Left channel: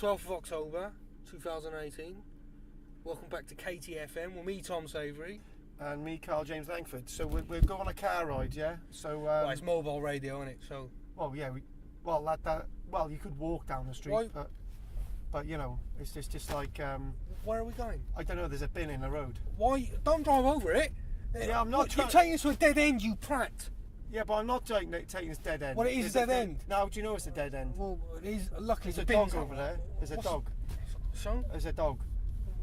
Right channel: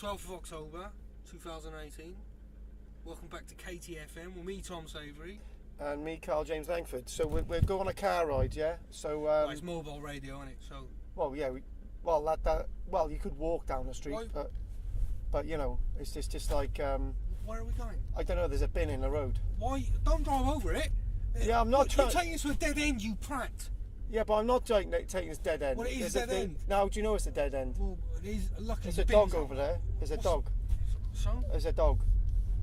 12th of October 2018. Welcome back to KTFM with me, Tom Savoury. And me, KARL-JAMES Langford. So we're going on a car ride, yeah? So Well, it's mobile radio, isn't it? So, well, yeah, well, you could walk down the street, Why? but you know, it's just like where are we going? I don't know. There's a bin in the road. Why? Don't drive over it. Yeah, I'm not You're taking us to a dead end, you prat. Yeah, but I'm not taking this dead end. Well, it is a dead end. Now, do you know it's a dead end? Well, it is. Luckily, There's a the dog bin's over not there. There's a dog. So, There's a dog.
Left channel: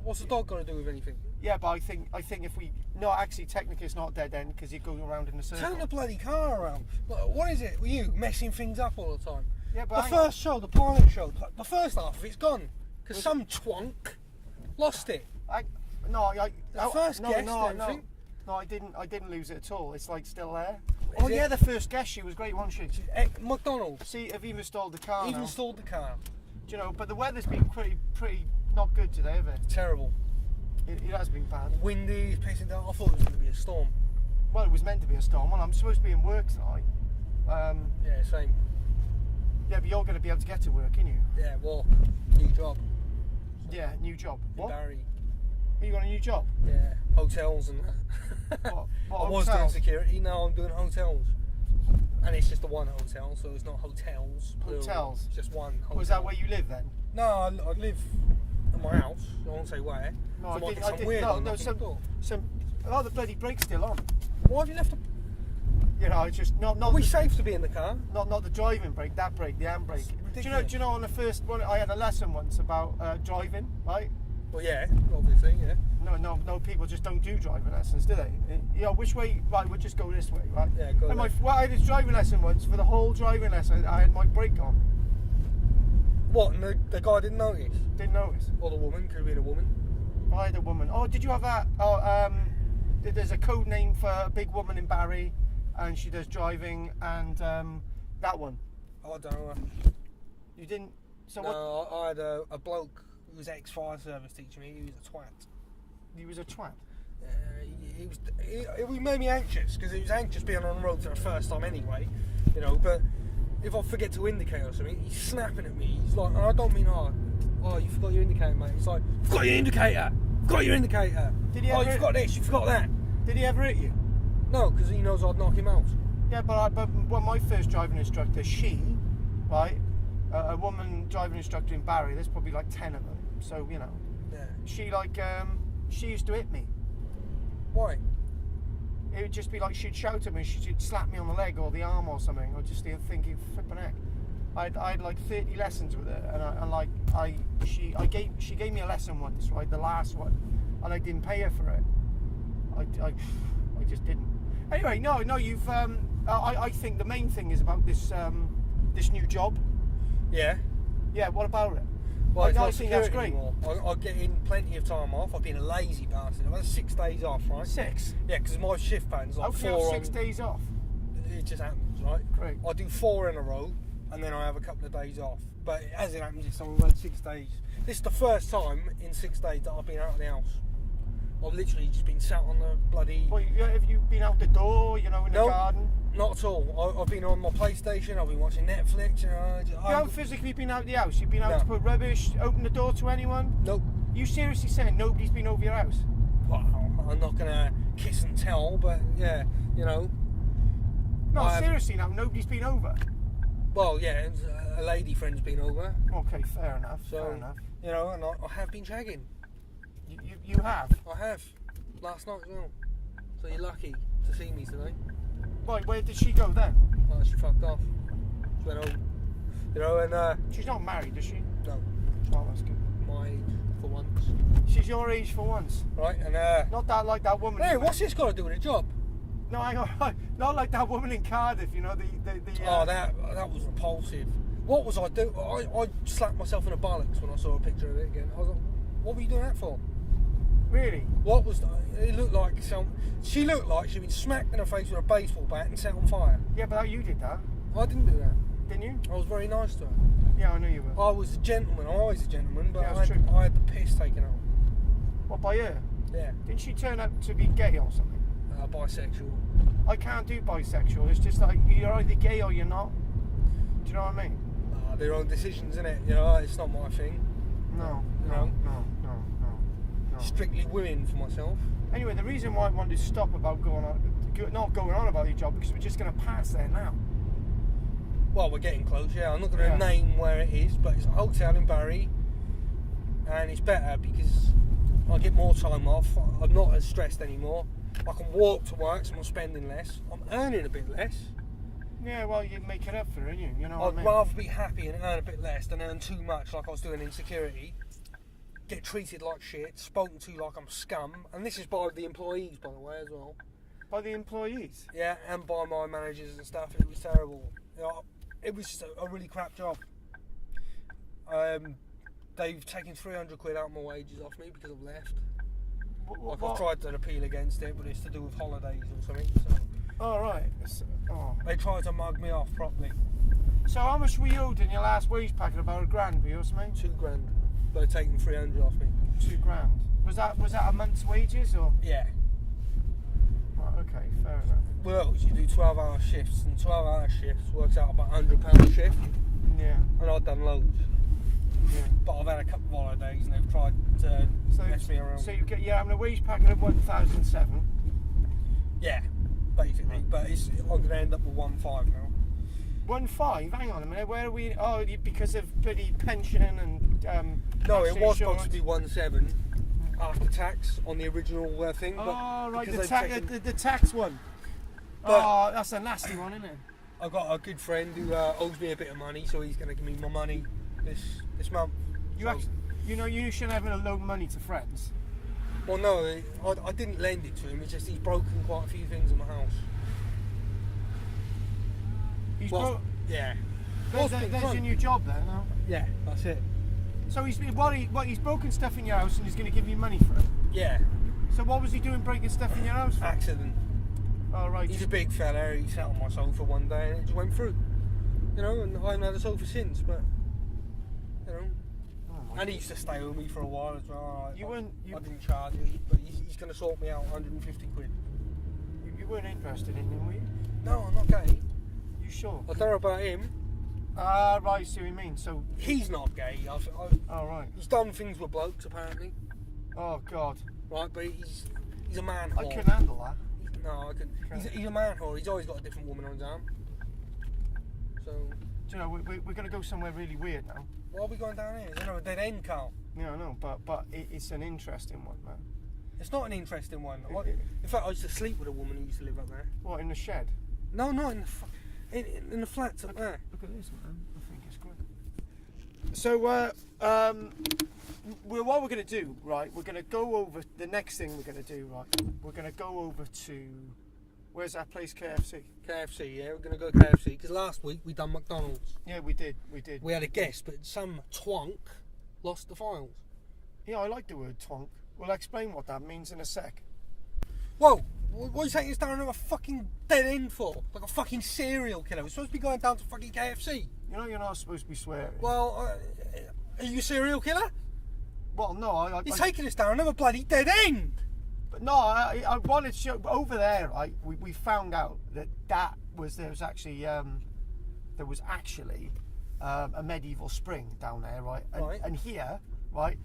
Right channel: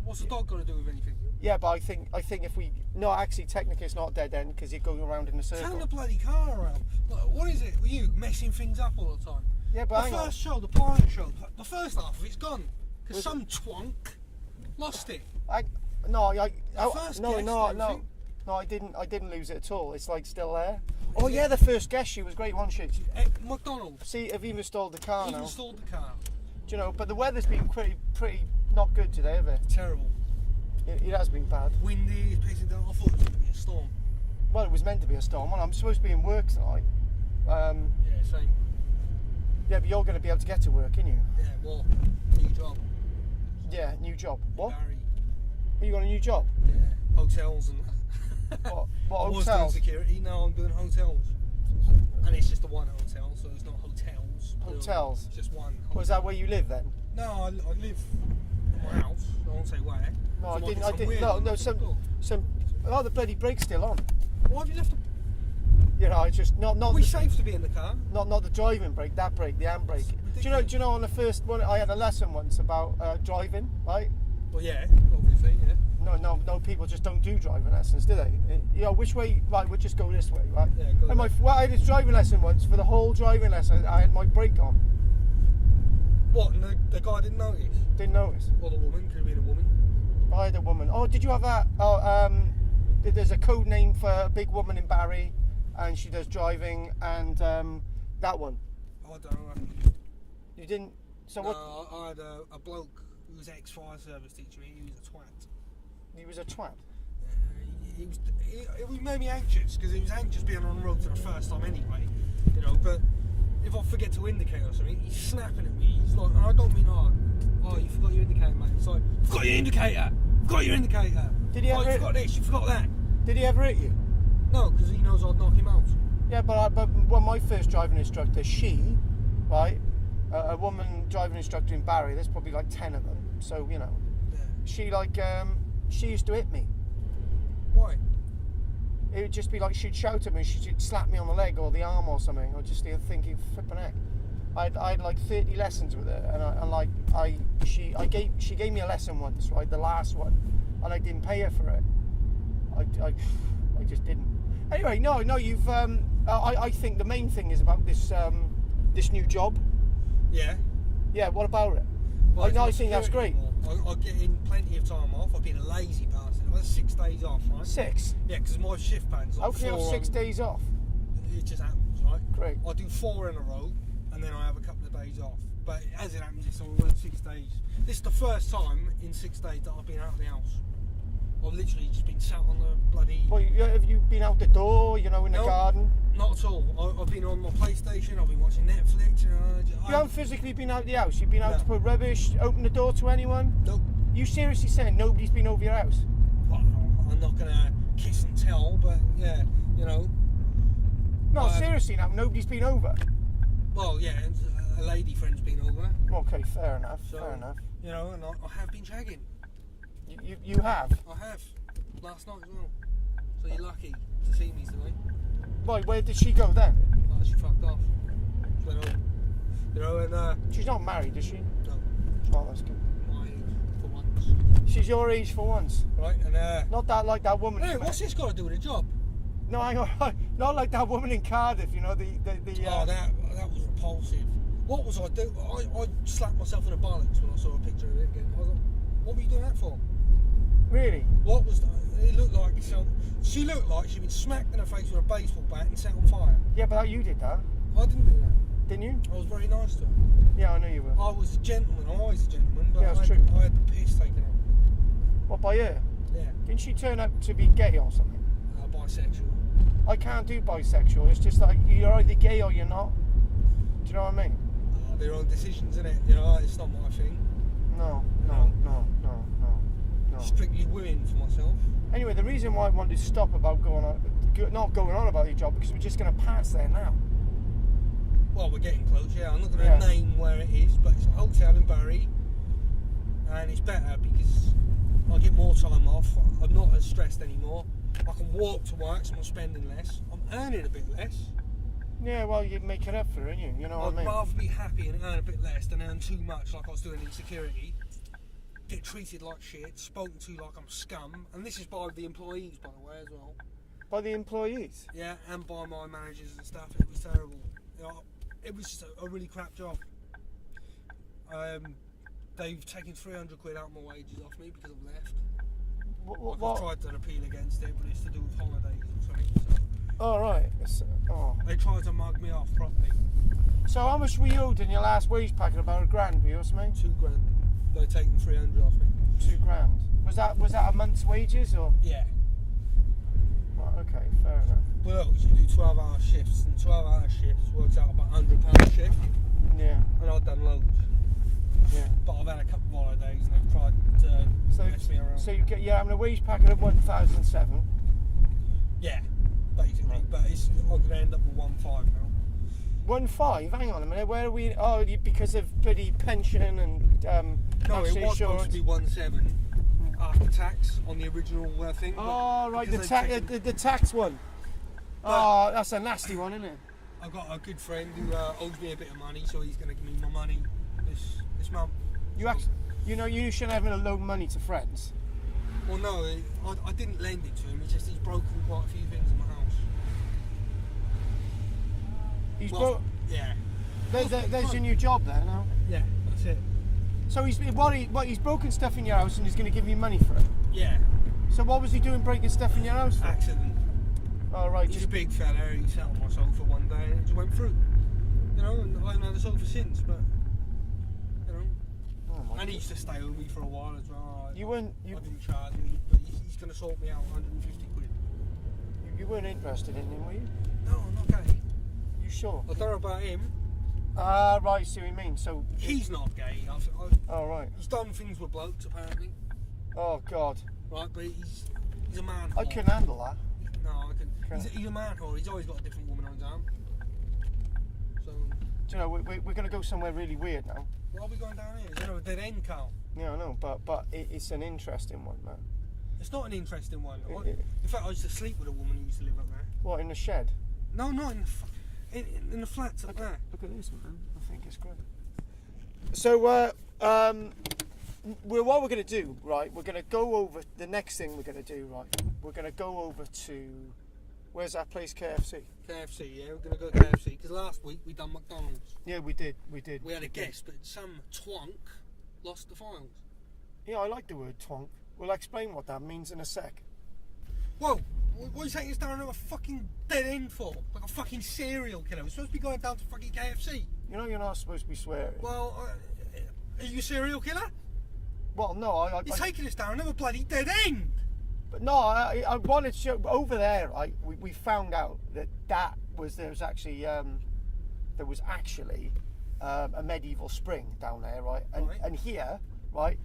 what's the dog got to do with anything? Yeah, but I think if we actually technically it's not a dead end because you're going around in a circle. Turn the bloody car around. What is it with you messing things up all the time? Yeah, but the first show, the pilot show, the first half of it's gone because some twonk lost it. No, I didn't lose it at all. It's like still there. The first guest, she was great, wasn't she? McDonald's. See, have you installed the car now? Installed the car. Do you know? But the weather's been pretty not good today, have it? Terrible. It has been bad. Windy, it's pissing down. I thought it was going to be a storm. Well, it was meant to be a storm. Well, I'm supposed to be in work tonight. Yeah, same. Yeah, but you're going to be able to get to work, aren't you? Yeah, well, new job. Yeah, new job. What? Barry. You got a new job? Yeah, hotels and that. What I was doing hotels? security, now I'm doing hotels. And it's just the one hotel, so it's not hotels. Hotels? It's just one hotel. Was that where you live then? No, I live in my house. I won't say where. No, I didn't. The bloody brake's still on. Why have you left the... You know, it's just not. Are we safe to be in the car? Not the driving brake. That brake, the handbrake. Do you know? On the first one, I had a lesson once about driving, right? Well, yeah, obviously, yeah. No. People just don't do driving lessons, do they? You know, which way? Right, we'll just go this way, right? Yeah, go. And I had a driving lesson once. For the whole driving lesson, I had my brake on. What? And the guy didn't notice? Didn't notice. Or the woman? Could have been a woman. I had a woman. Oh, did you have that? There's a code name for a big woman in Barry, and she does driving, and that one. I don't know. You didn't. So no, what? I had a bloke who was ex-fire service teaching me. He was a twat. He was a twat. He made me anxious because he was anxious being on the road for the first time anyway, you know. But if I forget to indicate or something, he's snapping at me. He's like, and I don't mean you forgot your indicator, mate. It's like, you've got your indicator. You've got your indicator. Did he ever? You forgot this. You forgot that. Did he ever hit you? No, because he knows I'd knock him out. Yeah, but my first driving instructor, a woman driving instructor in Barry. There's probably like 10 of them. So you know, yeah. She used to hit me. Why? It would just be like she'd shout at me, she'd slap me on the leg or the arm or something. I'd just be thinking, flipping heck. I had like 30 lessons with her, she gave me a lesson once, right, the last one, and I didn't pay her for it. I just didn't. Anyway, no, you've. I think the main thing is about this new job. Yeah. Yeah. What about it? Well, I think that's great. I get in plenty of time off. I've been a lazy bastard. I've had 6 days off, right? 6? Yeah, because my shift pattern's like How can you have 6 days off? It just happens, right? Great. I do 4 in a row, and then I have a couple of days off. But as it happens, it's only 6 days. This is the first time in 6 days that I've been out of the house. I've literally just been sat on the bloody... Well, have you been out the door, in the garden? Not at all. I've been on my PlayStation, I've been watching Netflix. You haven't physically been out the house? You've been out to put rubbish, open the door to anyone? Nope. You seriously saying nobody's been over your house? Well, I'm not going to kiss and tell, but yeah, No, seriously now, nobody's been over? Well, yeah, a lady friend's been over. Okay, fair enough, fair enough. And I have been shagging. You have? I have. Last night as well. So you're lucky to see me today. Right, where did she go then? Oh, she fucked off. She went home. And she's not married, is she? No. Oh, that's good. My age for once. She's your age for once. Right, and not that like that woman. Hey, what's this got to do with a job? No, hang on. Not like that woman in Cardiff, the Oh, that was repulsive. What was I doing? I slapped myself in the bollocks when I saw a picture of it again. I was like, what were you doing that for? Really? What was that? It looked like she looked like she'd been smacked in the face with a baseball bat and set on fire. Yeah, but you did that. I didn't do that. Didn't you? I was very nice to her. Yeah, I know you were. I was a gentleman. I'm always a gentleman, but yeah, I had the piss taken out. What, by her? Yeah. Didn't she turn out to be gay or something? Bisexual. I can't do bisexual. It's just like you're either gay or you're not. Do you know what I mean? their own decisions, innit? You know, it's not my thing. No. Strictly women for myself. Anyway, the reason why I wanted to stop about not going on about your job, because we're just going to pass there now. Well, we're getting close, yeah. I'm not going to name where it is, but it's a hotel in Barry, and it's better because I get more time off. I'm not as stressed anymore. I can walk to work, so I'm spending less. I'm earning a bit less. Yeah, well, you make it up for it, you know what I mean? I'd rather be happy and earn a bit less than earn too much like I was doing in security. Get treated like shit, spoken to like I'm scum, and this is by the employees, by the way, as well. By the employees? Yeah, and by my managers and stuff. It was terrible. You know, it was just a really crap job. They've taken 300 quid out of my wages off me because I've left. I've tried to appeal against it, but it's to do with holidays or something. So. Oh, right. They tried to mug me off properly. So how much were you owed in your last wage packet? About £1,000, were you or something? £2,000. They're taking 300 off me. £2,000. Was that a month's wages or? Yeah. Right, okay, fair enough. Well, you do 12-hour shifts, and 12-hour shifts works out about £100 a shift. Yeah. And I've done loads. Yeah. But I've had a couple of holidays, and they've tried to mess me around. So you're having a wage packet of 1,007. Yeah, basically. Right. But I'm going to end up with 1,500 now. 1,500? Hang on a minute. Where are we? Oh, because of bloody pension and no, it was insurance. supposed to be 1,700 after tax on the original thing. Oh, right, the tax one. Oh, that's a nasty one, isn't it? I've got a good friend who owes me a bit of money, so he's going to give me my money this month. You shouldn't have loan money to friends. Well, no, I didn't lend it to him. It's just he's broken quite a few things in my house. Yeah. There's your new job there now. Yeah, that's it. So he's broken stuff in your house and he's going to give you money for it. Yeah. So what was he doing breaking stuff in your house for? Accident. Oh, right. He's a big fella. He sat on my sofa one day and it just went through. You know, and I haven't had a sofa since, but you know. Oh, and he used to stay with me for a while as well. I didn't charge him, but he's going to sort me out 150 quid. You weren't interested in him, were you? No, I'm not gay. You sure? I don't know about him. Right, see what you mean. So he's not gay. Oh, right. He's done things with blokes, apparently. Oh, God. Right, but he's a man. I couldn't handle that. No, I couldn't. He's a man whore. He's always got a different woman on his arm. So. Do you know, we're going to go somewhere really weird now. Why are we going down here? Is there a dead end, Carl? Yeah, I know, but it's an interesting one, man. It's not an interesting one. In fact, I used to sleep with a woman who used to live up there. What, in the shed? No, not in the flats up there. Look at this, man. I think it's great. So, what we're going to do, right, we're going to go over, the next thing we're going to do, right, we're going to go over to, where's that place, KFC? KFC, yeah, we're going to go KFC, because last week we done McDonald's. Yeah, we did. We had a guest, but some twonk lost the files. Yeah, I like the word twonk. We'll explain what that means in a sec. Whoa, what are you taking us down to a fucking dead end for? Like a fucking serial killer. We're supposed to be going down to fucking KFC. You know you're not supposed to be swearing. Well, are you a serial killer? Well, no, You're taking us down another bloody dead end. But no, I wanted to show, over there, right, we found out that there was actually a medieval spring down there, right? And here, right,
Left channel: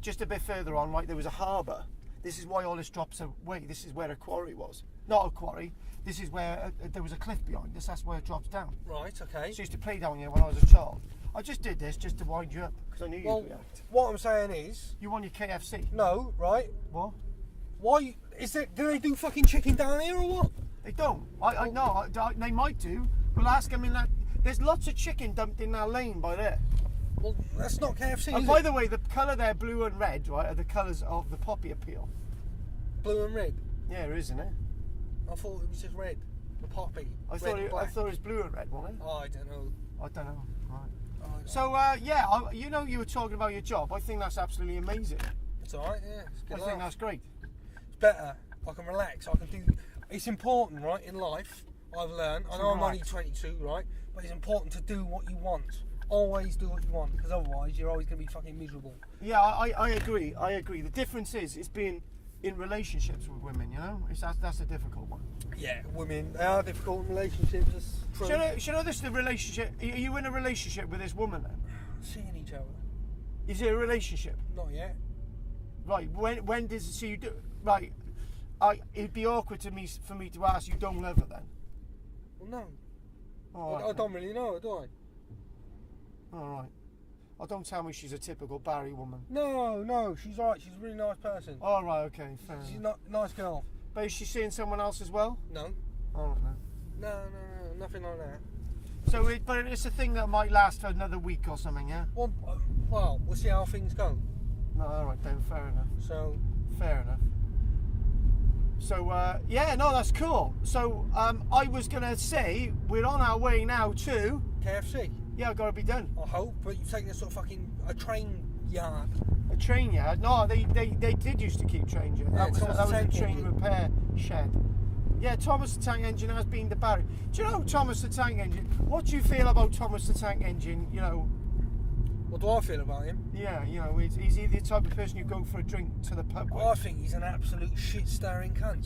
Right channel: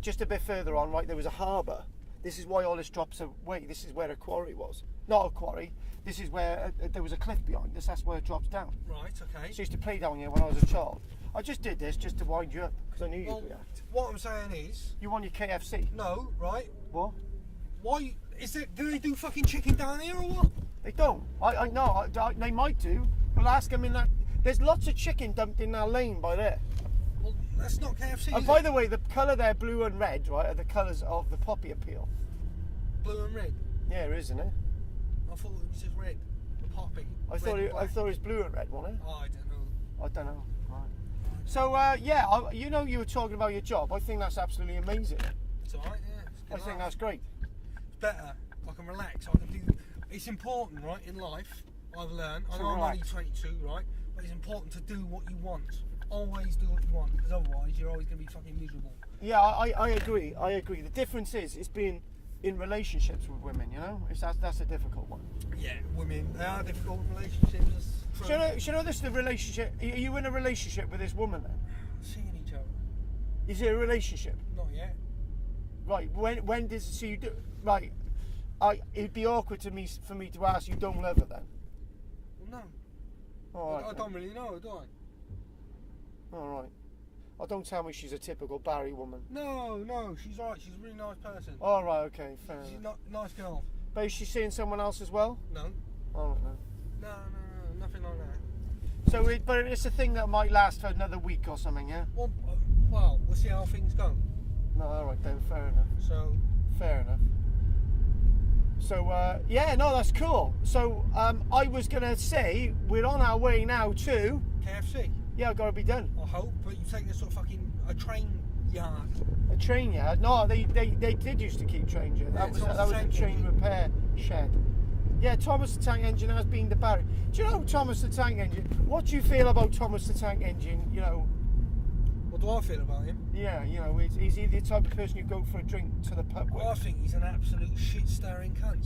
just a bit further on, right, there was a harbour. This is why all this drops away. This is where a quarry was. Not a quarry. This is where there was a cliff behind us. That's where it drops down. Right, okay. So I used to play down here when I was a child. I just did this just to wind you up because I knew you'd react. What I'm saying is... You want your KFC? No, right? What? Why? Do they do fucking chicken down here or what? They don't. I know. They might do. We'll ask them in that... There's lots of chicken dumped in that lane by there. Well, that's not KFC, And by the way, the colour there, blue and red, right, are the colours of the poppy appeal. Blue and red? Yeah, it is, isn't it? I thought it was just red. The poppy. I thought it was blue and red, wasn't it? Oh, I don't know. Right. So, you know you were talking about your job. I think that's absolutely amazing. It's alright, yeah. I think that's great. It's better. I can relax. I can do... It's important, right, in life, I've learned. I know I'm only 22, right? But it's important to do what you want. Always do what you want, because otherwise you're always going to be fucking miserable. Yeah, I agree. The difference is it's being in relationships with women, you know? That's a difficult one. Yeah, women, they are difficult in relationships. Do you know this is the relationship? Are you in a relationship with this woman then? Seeing each other. Is it a relationship? Not yet. Right. When does it? So you do right? It'd be awkward for me to ask you. Don't love her then? Well, no. Oh, I don't really know her, do I? All right. Oh, don't tell me she's a typical Barry woman. No, she's alright. She's a really nice person. All right. Okay. Fair She's enough. nice girl. But is she seeing someone else as well? No. All right. No. No, nothing like that. So, but it's a thing that might last for another week or something, yeah? Well, we'll see how things go. No, all right then. Fair enough. So. Fair enough. So, yeah, no, that's cool. So, I was gonna say we're on our way now to KFC. Yeah, I've got to be done. I hope, but you take this sort of a train yard. A train yard? No, they did used to keep trains. Yeah, that was a train repair shed. Yeah, Thomas the Tank Engine has been the Barry. Do you know Thomas the Tank Engine? What do you feel about Thomas the Tank Engine? You know. What do I feel about him? Yeah, you know, is he the type of person you go for a drink to the pub with? Well, I think he's an absolute shit-stirring cunt.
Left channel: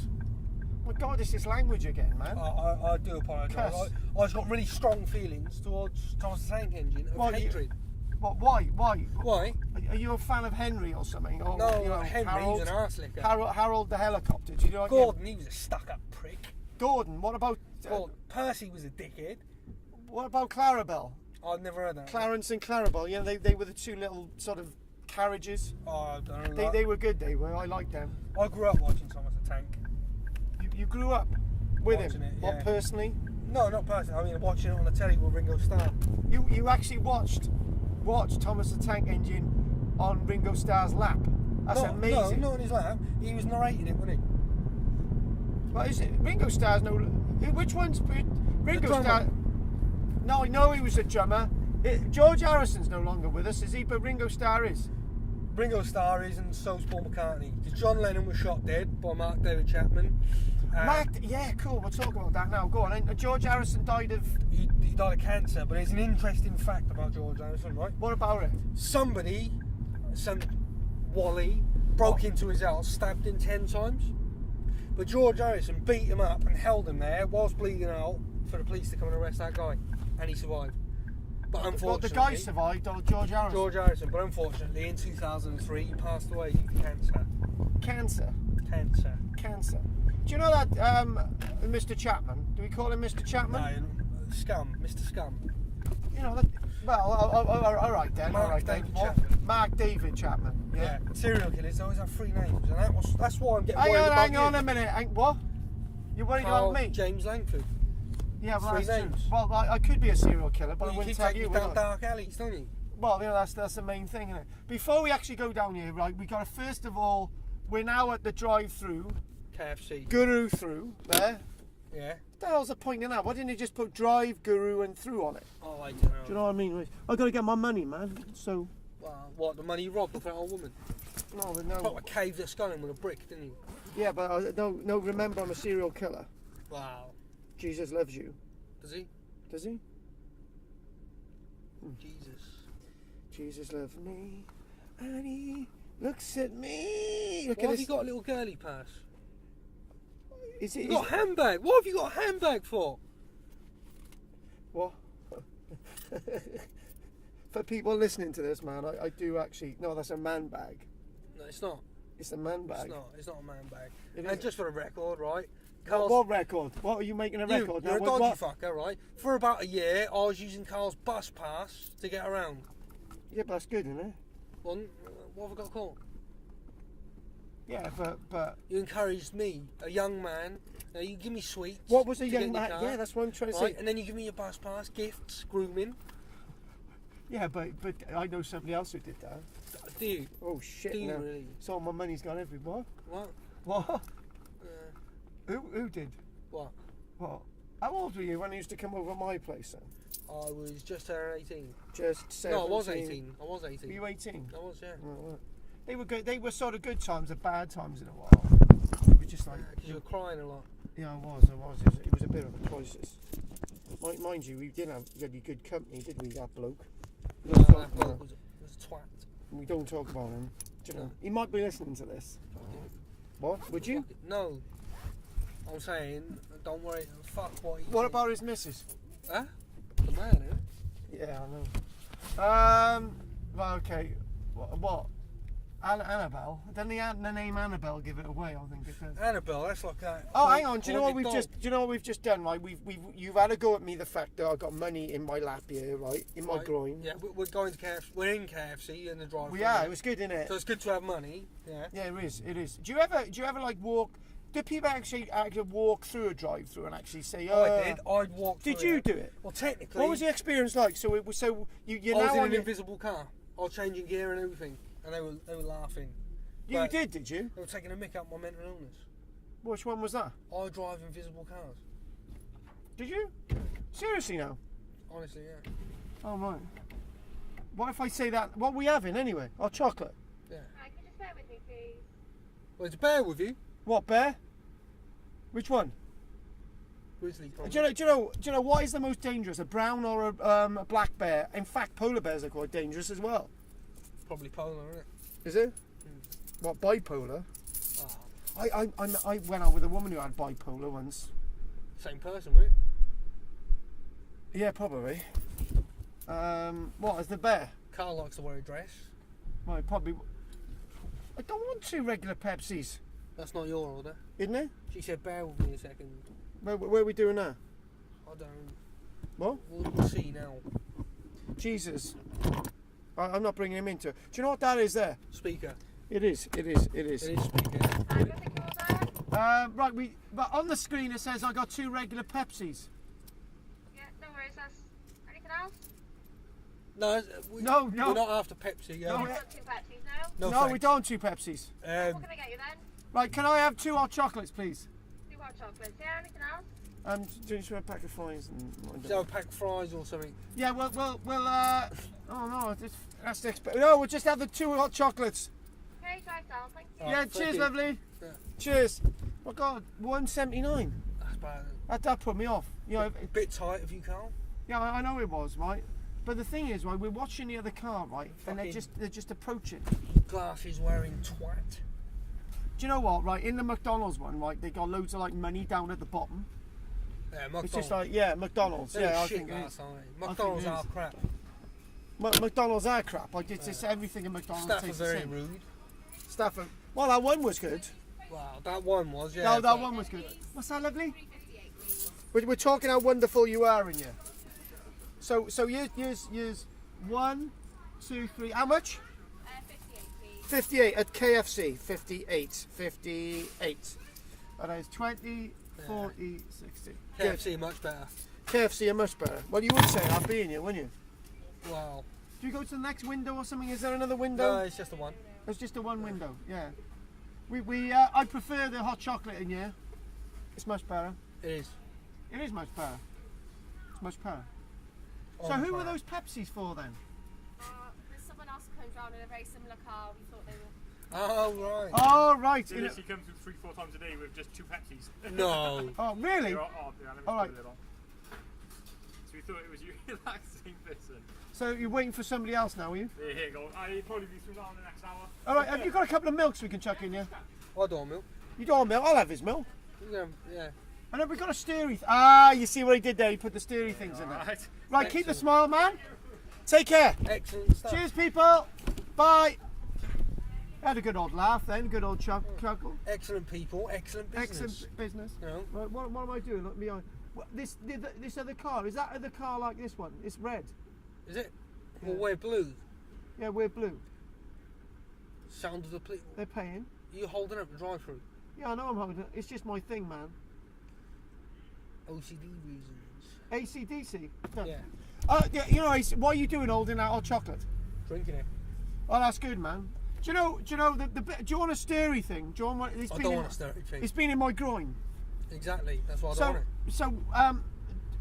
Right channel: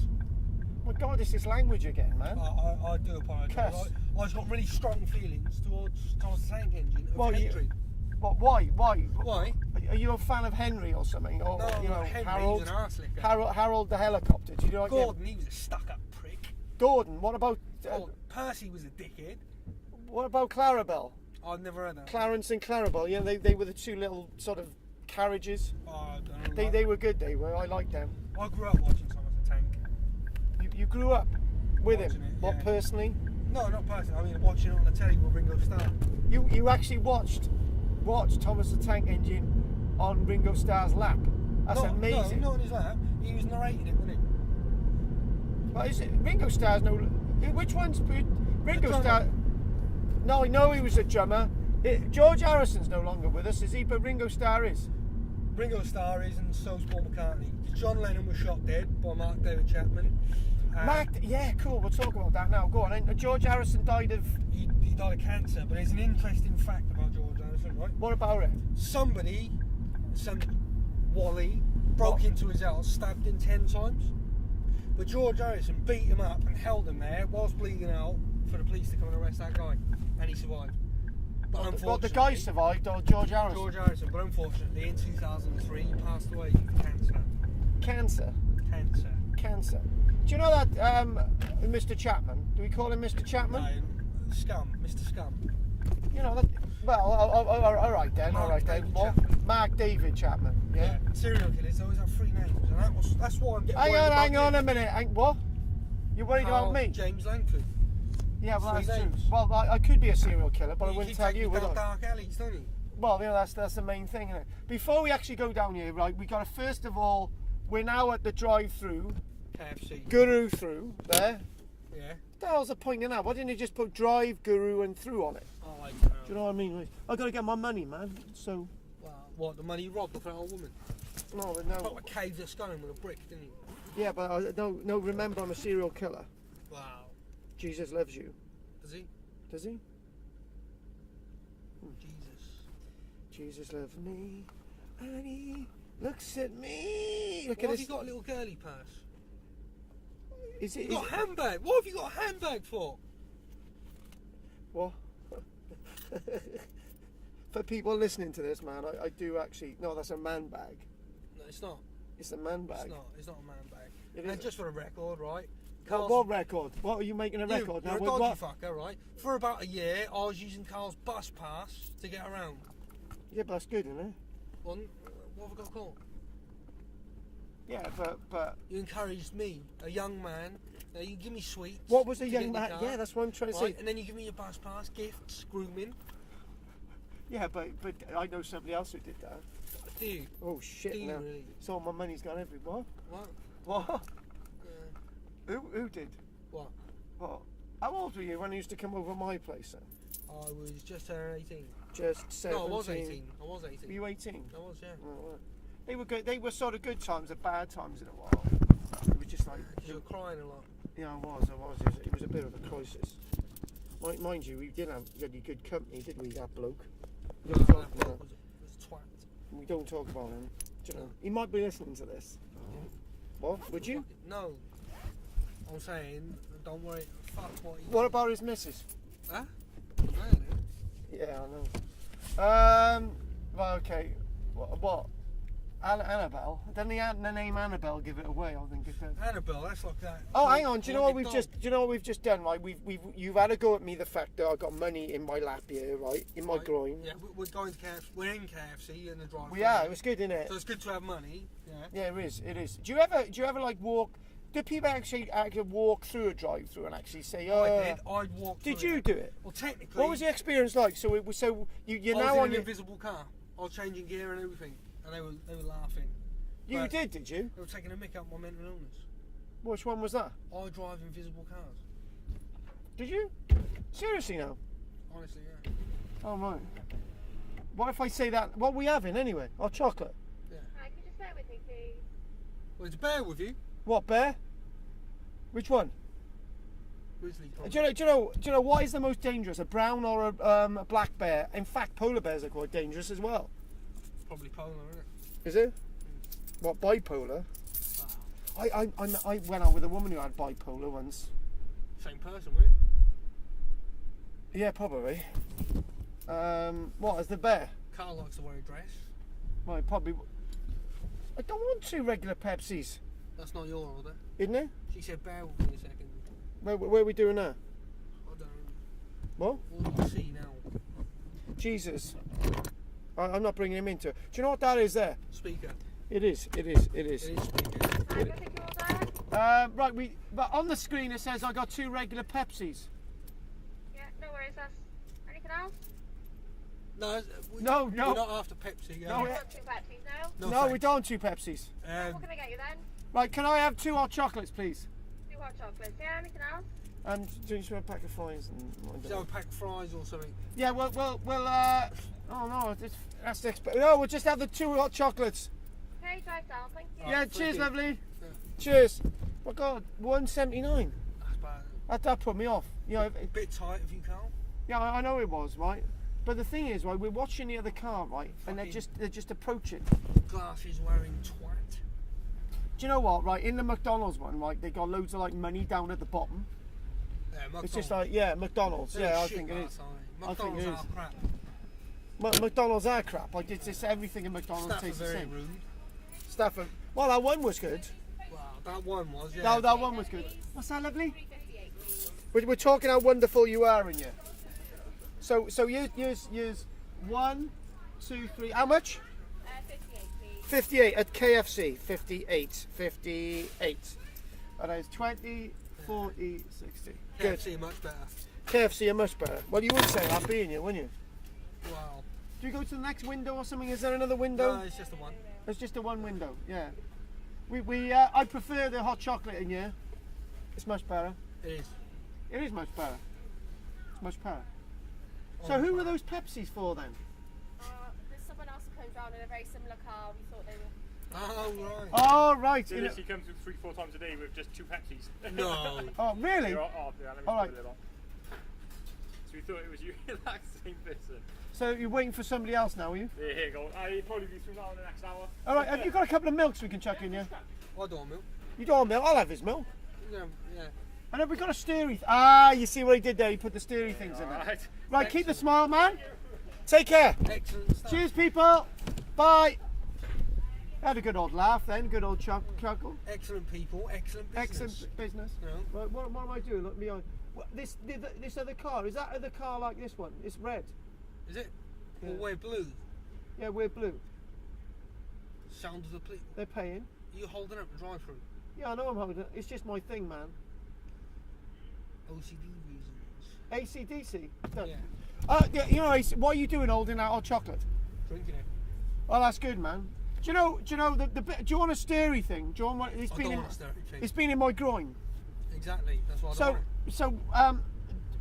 My God, it's this language again, man. I do apologise. I've got really strong feelings towards Thomas the Tank Engine of hatred. Why? Why? Are you a fan of Henry or something? Or, No, you know, Henry, he's an arse licker. Harold the helicopter. Do you know? Gordon, he was a stuck-up prick. Gordon, what about? Percy was a dickhead. What about Clarabelle? I've never heard that. Clarence and Clarabelle. You know, they were the two little sort of carriages. Oh, I don't know. They were good. They were. I liked them. I grew up watching Thomas the Tank. You grew up with watching him? It, What, yeah. personally? No, not personally. I mean, watching it on the telly with Ringo Starr. You actually watched Thomas the Tank Engine on Ringo Starr's lap. That's amazing. No, not on his lap. He was narrating it, wasn't he? Well, is it Ringo Starr's no? Which one's Ringo The Starr? No, I know he was a drummer. George Harrison's no longer with us, is he? But Ringo Starr is. Ringo Starr is, and so's Paul McCartney. John Lennon was shot dead by Mark David Chapman. Yeah, cool. We'll talk about that now. Go on. And George Harrison died of. He died of cancer, but there's an interesting fact about George Harrison, right? What about it? Some Wally, broke into his house, stabbed him 10 times. But George Harrison beat him up and held him there whilst bleeding out for the police to come and arrest that guy, and he survived. But unfortunately, Well, the guy survived, or George Harrison? George Harrison, but unfortunately, in 2003, he passed away due to cancer. Cancer. Do you know that Mr. Chapman? Do we call him Mr. Chapman? No, Mr. Scum. You know that. Well, all right then. Mark David What? Chapman. Mark David Chapman. Yeah. Serial killers always have 3 names, and that's why I'm getting worried about Hang on you. a minute. What? You're worried about me? James Langford. Yeah, well, 3 that's names. true. Well, I could be a serial killer, but I wouldn't tell you. Down dark alleys, don't you? Well, you know, that's the main thing, isn't it? Before we actually go down here, right, we got to first of all, we're now at the drive-through. KFC. Guru through there. Yeah. What the hell's the point in that? Why didn't you just put drive, guru, and through on it? Oh, I don't know. Do you know what I mean? I got to get my money, man. So. Well, what, the money you robbed off that old woman? No, but no. Probably caved her skull in with a brick, didn't he? Yeah, but no. Remember, I'm a serial killer. Wow. Jesus loves you. Does he? Does he? Jesus. Jesus loves me, and he looks at me. Look Why at have this. you got a little girly purse? Is it? You got a handbag. What have you got a handbag for? What? For people listening to this, man, I do actually. No, that's a man bag. No, it's not. It's a man bag. It's not a man bag. It And is. just for the record, right? What record? What are you making a record now? You're a With dodgy what? fucker, right? For about a year, I was using Carl's bus pass to get around. Yeah, but that's good, isn't it? What have I got called? Yeah, but You encouraged me, a young man. You give me sweets. what was a to young get in the man? car, Yeah, that's what I'm trying to right? say. And then you give me your bus pass, gifts, grooming. Yeah, but I know somebody else who did that. Do you? Oh shit! Do you now. really? So my money's gone everywhere. What? What? Yeah. Who did? What? What? How old were you when you used to come over my place then? I was just turned 18. Just 17. No, I was 18. Were you 18? I was, yeah. Oh, right. They were good. They were sort of good times and bad times in a while. It was just like. Because you were crying a lot. Yeah, I was. It was a bit of a crisis. Mind you, we didn't have really good company, did we? That bloke. That bloke was a twat. We don't talk about him. Do you know? He might be listening to this. What? Would you? No. I'm saying, don't worry. Fuck what he. What about his missus? Huh? The man, Yeah, I know. Well, okay. What? Annabelle? Didn't the name Annabelle give it away? I think it says. Annabelle, that's like that. Oh, hang on. Do you know what we've just done? Right, you've had a go at me. The fact that I got money in my lap here, right, in my groin. Yeah, we're going to KFC. We're in KFC in the drive. Yeah, it was good, innit? So it's good to have money. Yeah. Yeah, it is. It is. Do you ever like walk? Do people actually walk through a drive-through and actually say, "Oh"? I did. I'd walk. Did you do it? Well, technically. What was the experience like? So you're I was now in on an your... invisible car. I was changing gear and everything, and they were laughing. You But did you? They were taking a mick up my mental illness. Which one was that? I drive invisible cars. Did you? Seriously now? Honestly, yeah. Oh right. What if I say that? What are we having anyway? Our chocolate. Yeah. Hi, can you just bear with me, please? Well, it's a bear with you. What bear? Which one? Grizzly. Do you know what is the most dangerous? A brown or a black bear? In fact, polar bears are quite dangerous as well. Probably polar, isn't it? Is it? What, bipolar? Wow. I went out with a woman who had bipolar once. Same person, right? Yeah, probably. What, is the bear? Carl likes to wear a dress. Well, probably. I don't want 2 regular Pepsis, That's not your order. isn't it? She said bear with me a second. Where are we doing now? I don't. What? We'll see now. Jesus. I'm not bringing him into it. Do you know what that is there? Speaker. It is. It is speaker. Can I take your order? Right, but on the screen it says I got 2 regular Pepsis. Yeah, no worries. That's anything else? No, No. We're not after Pepsi. No, You've got 2 Pepsis now? No, we thanks. don't 2 Pepsis. What can I get you then? Right, can I have 2 hot chocolates, please? 2 hot chocolates. Yeah, anything else? Do you just want a pack of fries and? So a pack of fries or something. Yeah, well. Oh no, that's the no. We'll just have the 2 hot chocolates. Okay, drive down. Thank you. Yeah, thank cheers, you. lovely. Yeah. Cheers. Oh God, 179. That's bad. That put me off. You know, Bit tight of you, Carl. yeah, I know it was right, but the thing is, right, we're watching the other car, right, and Fucking- they're just approaching. Glasses wearing twat. Do you know what? Right, in the McDonald's one, right, they got loads of like money down at the bottom. Yeah, McDonald's. It's just like, yeah, McDonald's. They're Yeah, I shit think it last is. time. think McDonald's it are is. crap. McDonald's are crap. Like it's just everything in McDonald's Staff are tastes the very same. rude. Staff are, well, that one was good. Wow, that one was, yeah. No, that one was good. What's that, lovely? 358, please. We're talking how wonderful you are in you. So use 1, 2, 3. How much? 58, please. 58 at KFC. 58. And it's 20, 40, 60. Good. KFC much better. KFC are much better. Well, you would say that, being you, wouldn't you? Wow. Do you go to the next window or something? Is there another window? No, it's just the one. There's just a one window. Yeah. I prefer the hot chocolate in here. It's much better. It is. It is much better. It's much better. So On who were fire. those Pepsis for then? There's someone else who comes round in a very similar car. We thought they were. Oh, right. Oh right. They literally come through 3-4 times a day with just 2 Pepsis. No. Oh really? Yeah, let me All right. put it on. So we thought it was you, that same person. So you're waiting for somebody else now, are you? Yeah, here you go. I'll probably be through now in the next hour. All right. Have you got a couple of milks we can chuck in here? I don't milk. You don't want milk? I'll have his milk. Yeah, yeah. And have we got a steery? Ah, you see what he did there? He put the steery things in there. Alright. Right, keep the smile, man. Take care. Excellent stuff. Cheers, people. Bye. Had a good old laugh then. Good old chuckle. Excellent people, excellent business. Excellent business. You know? Right, what am I doing? Look behind. This other car, is that other car like this one? It's red. Is it? Well, we're blue. Yeah, we're blue. Sound of the police. They're paying. You holding up the drive-through? Yeah, I know I'm holding it. It's just my thing, man. OCD reasons. ACDC. No. Yeah. Yeah, you know, what are you doing holding that hot chocolate? Drinking it. Oh, that's good, man. Do you know the bit? Do you want a steery thing? Do you want one? I don't want to stir it. It's been in my groin. Exactly. That's why I don't So, want it.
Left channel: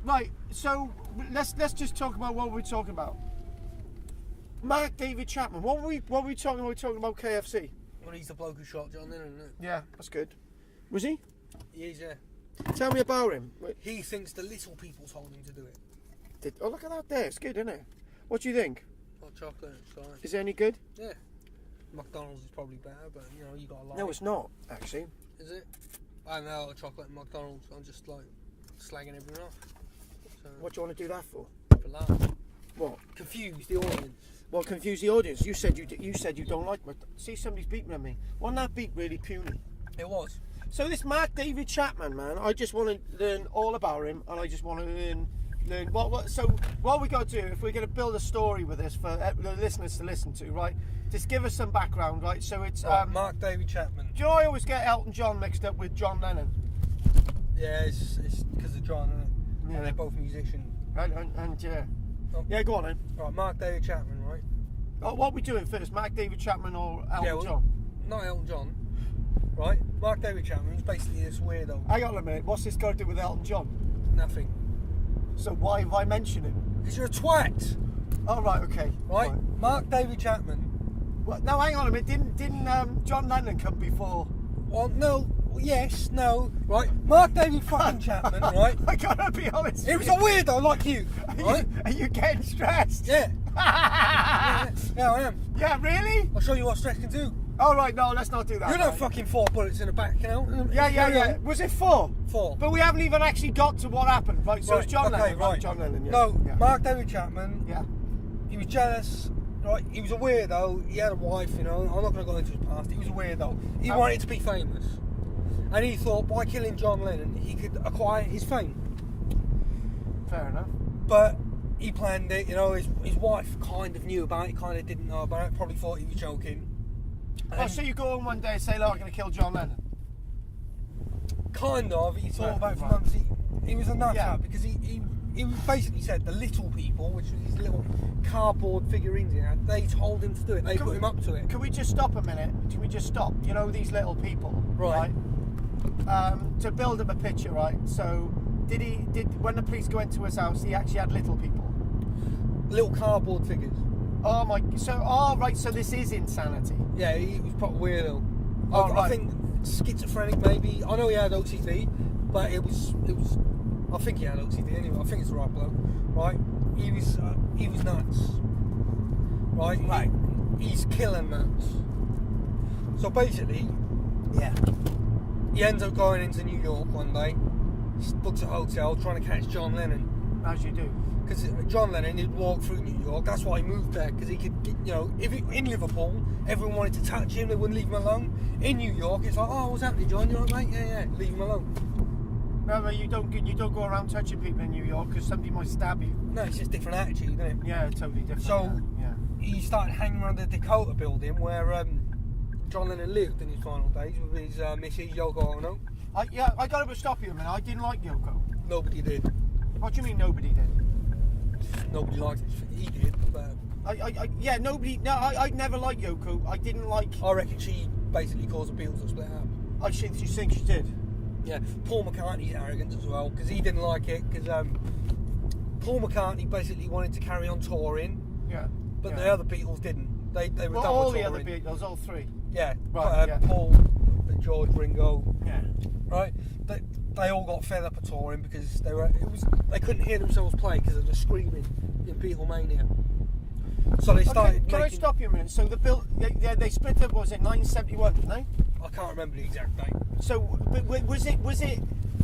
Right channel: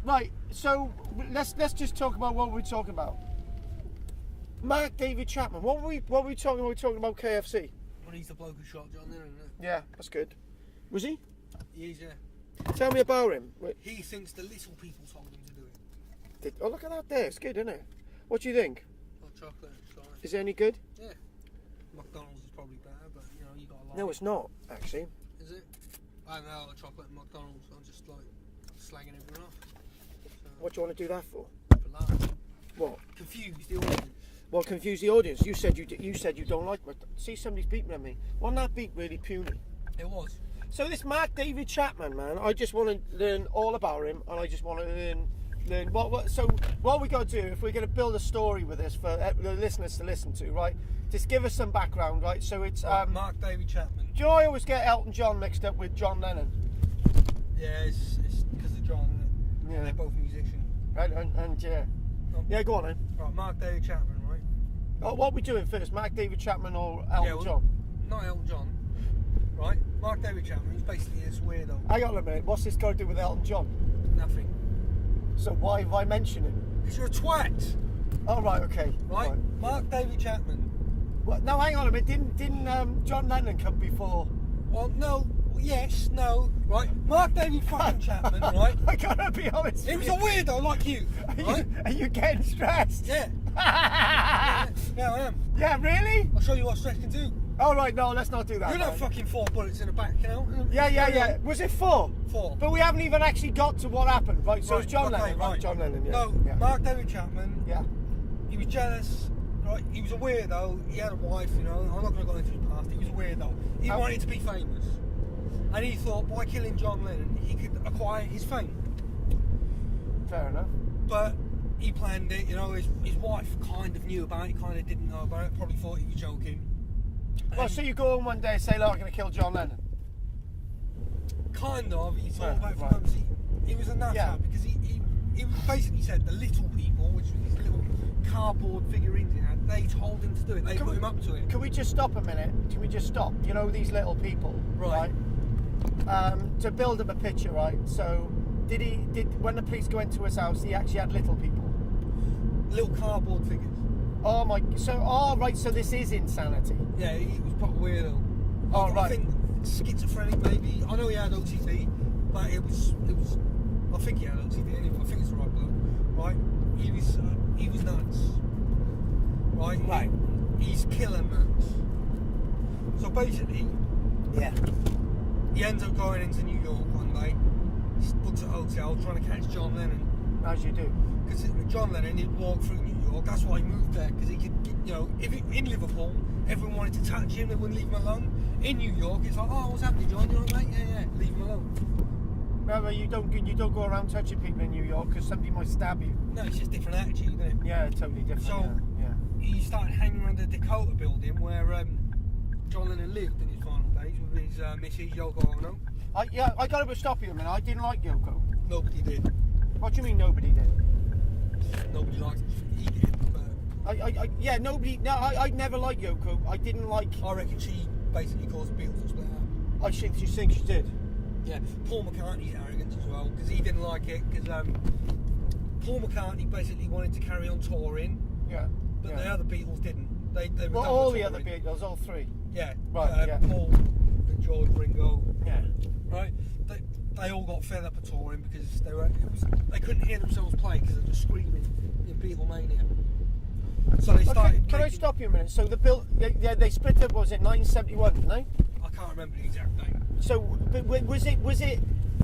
right. So let's just talk about what we're talking about. Mark David Chapman. What were we talking about? We were talking about KFC. Well, he's the bloke who shot John Lennon, isn't it? Yeah, that's good. Was he? He is, yeah. Tell me about him. He thinks the little people told him to do it. Oh, look at that there. It's good, isn't it? What do you think? Hot chocolate, sorry. Is it any good? Yeah. McDonald's is probably better, but you know, you got a lot. No, it's not, actually. Is it? I know chocolate at McDonald's. I'm just like slagging everyone off. What do you want to do that for? For laughs. What? Confuse the audience. Well, confuse the audience. You said you don't like me. See, somebody's beeping at me. Wasn't that beep really puny? It was. So this Mark David Chapman, man, I just want to learn all about him, and I just want to learn what. So what we got to do if we're going to build a story with this for the listeners to listen to, right? Just give us some background, right? So it's Mark David Chapman. Do you know I always get Elton John mixed up with John Lennon? Yeah, it's because of John, isn't it? Yeah. And they're both musicians. And yeah. Oh. Yeah, go on then. Right, Mark David Chapman, right? Oh, what are we doing first? Mark David Chapman or Elton John? Not Elton John. Right? Mark David Chapman, he's basically this weirdo. Hang on a minute, what's this got to do with Elton John? Nothing. So why have I mentioned him? Because you're a twat. Oh, right, okay. Right? Mark David Chapman. Well, no, hang on a minute. Didn't John Lennon come before? Well, no. Yes, no. Right? Mark David fucking Chapman, right? I gotta be honest. He was a weirdo like you. Right? Are you getting stressed? Yeah. Yeah, I am. Yeah, really? I'll show you what stress can do. All right, no, let's not do that. You know mate. fucking 4 bullets in the back, you know? Yeah. Was it 4? 4. But we haven't even actually got to what happened, right? So Right, it's John okay, Lennon, right. John Lennon, yeah. No, yeah. Mark David Chapman, Yeah. he was jealous, right? He was a weirdo, he had a wife, you know, I'm not going to go into his past, he was a weirdo. He wanted to be famous. And he thought by killing John Lennon, he could acquire his fame. Fair enough. But he planned it, you know, his wife kind of knew about it, kind of didn't know about it, probably thought he was joking. Well, so you go on one day and say, look, I'm going to kill John Lennon. Kind of, he thought Right, about it for right. months. He was a nut Yeah. out because he basically said the little people, which was these little cardboard figurines he had, they told him to do it, they put him up to it. Can we just stop a minute? Can we just stop? You know, these little people, Right. To build up a picture, right? So, did when the police go into his house, he actually had little people? Little cardboard figures. Oh my, so, right, so this is insanity. Yeah, he was proper weirdo. Oh, I right. think schizophrenic maybe. I know he had OCD, but it was. I think he had OCD anyway. I think it's the right bloke, right? He was nuts, right? Right. He's killing nuts. So basically, Yeah. he ends up going into New York one day, books a hotel, trying to catch John Lennon. As you do. Because John Lennon, he'd walk through New York. That's why he moved there, because he could get, you know, in Liverpool, everyone wanted to touch him, they wouldn't leave him alone. In New York, it's like, oh, what's happening, John? You're like, mate, yeah, leave him alone. Remember, you don't go around touching people in New York because somebody might stab you. No, it's just different attitude, isn't it? Yeah, totally different. So yeah. he started hanging around the Dakota building where John Lennon lived in his final days with his Mrs. Yoko Ono. I got to stop you a minute. I didn't like Yoko. Nobody did. What do you mean nobody did? Nobody liked it. He did, but Nobody. No, I never liked Yoko. I didn't like. I reckon she basically caused the Beatles to split up. I think she did. Yeah, Paul McCartney's arrogance as well, because he didn't like it, because Paul McCartney basically wanted to carry on touring, Yeah. but yeah. the other Beatles didn't. They were Well, done all with the other touring. Beatles, all three. Yeah, Right, yeah. Paul, George, Ringo, Yeah. right? They all got fed up of touring because they couldn't hear themselves play because of the screaming in Beatlemania. So they started. Can I stop you a minute? So they split up. Was it 1971? Didn't they? I can't remember the exact date. So, but was it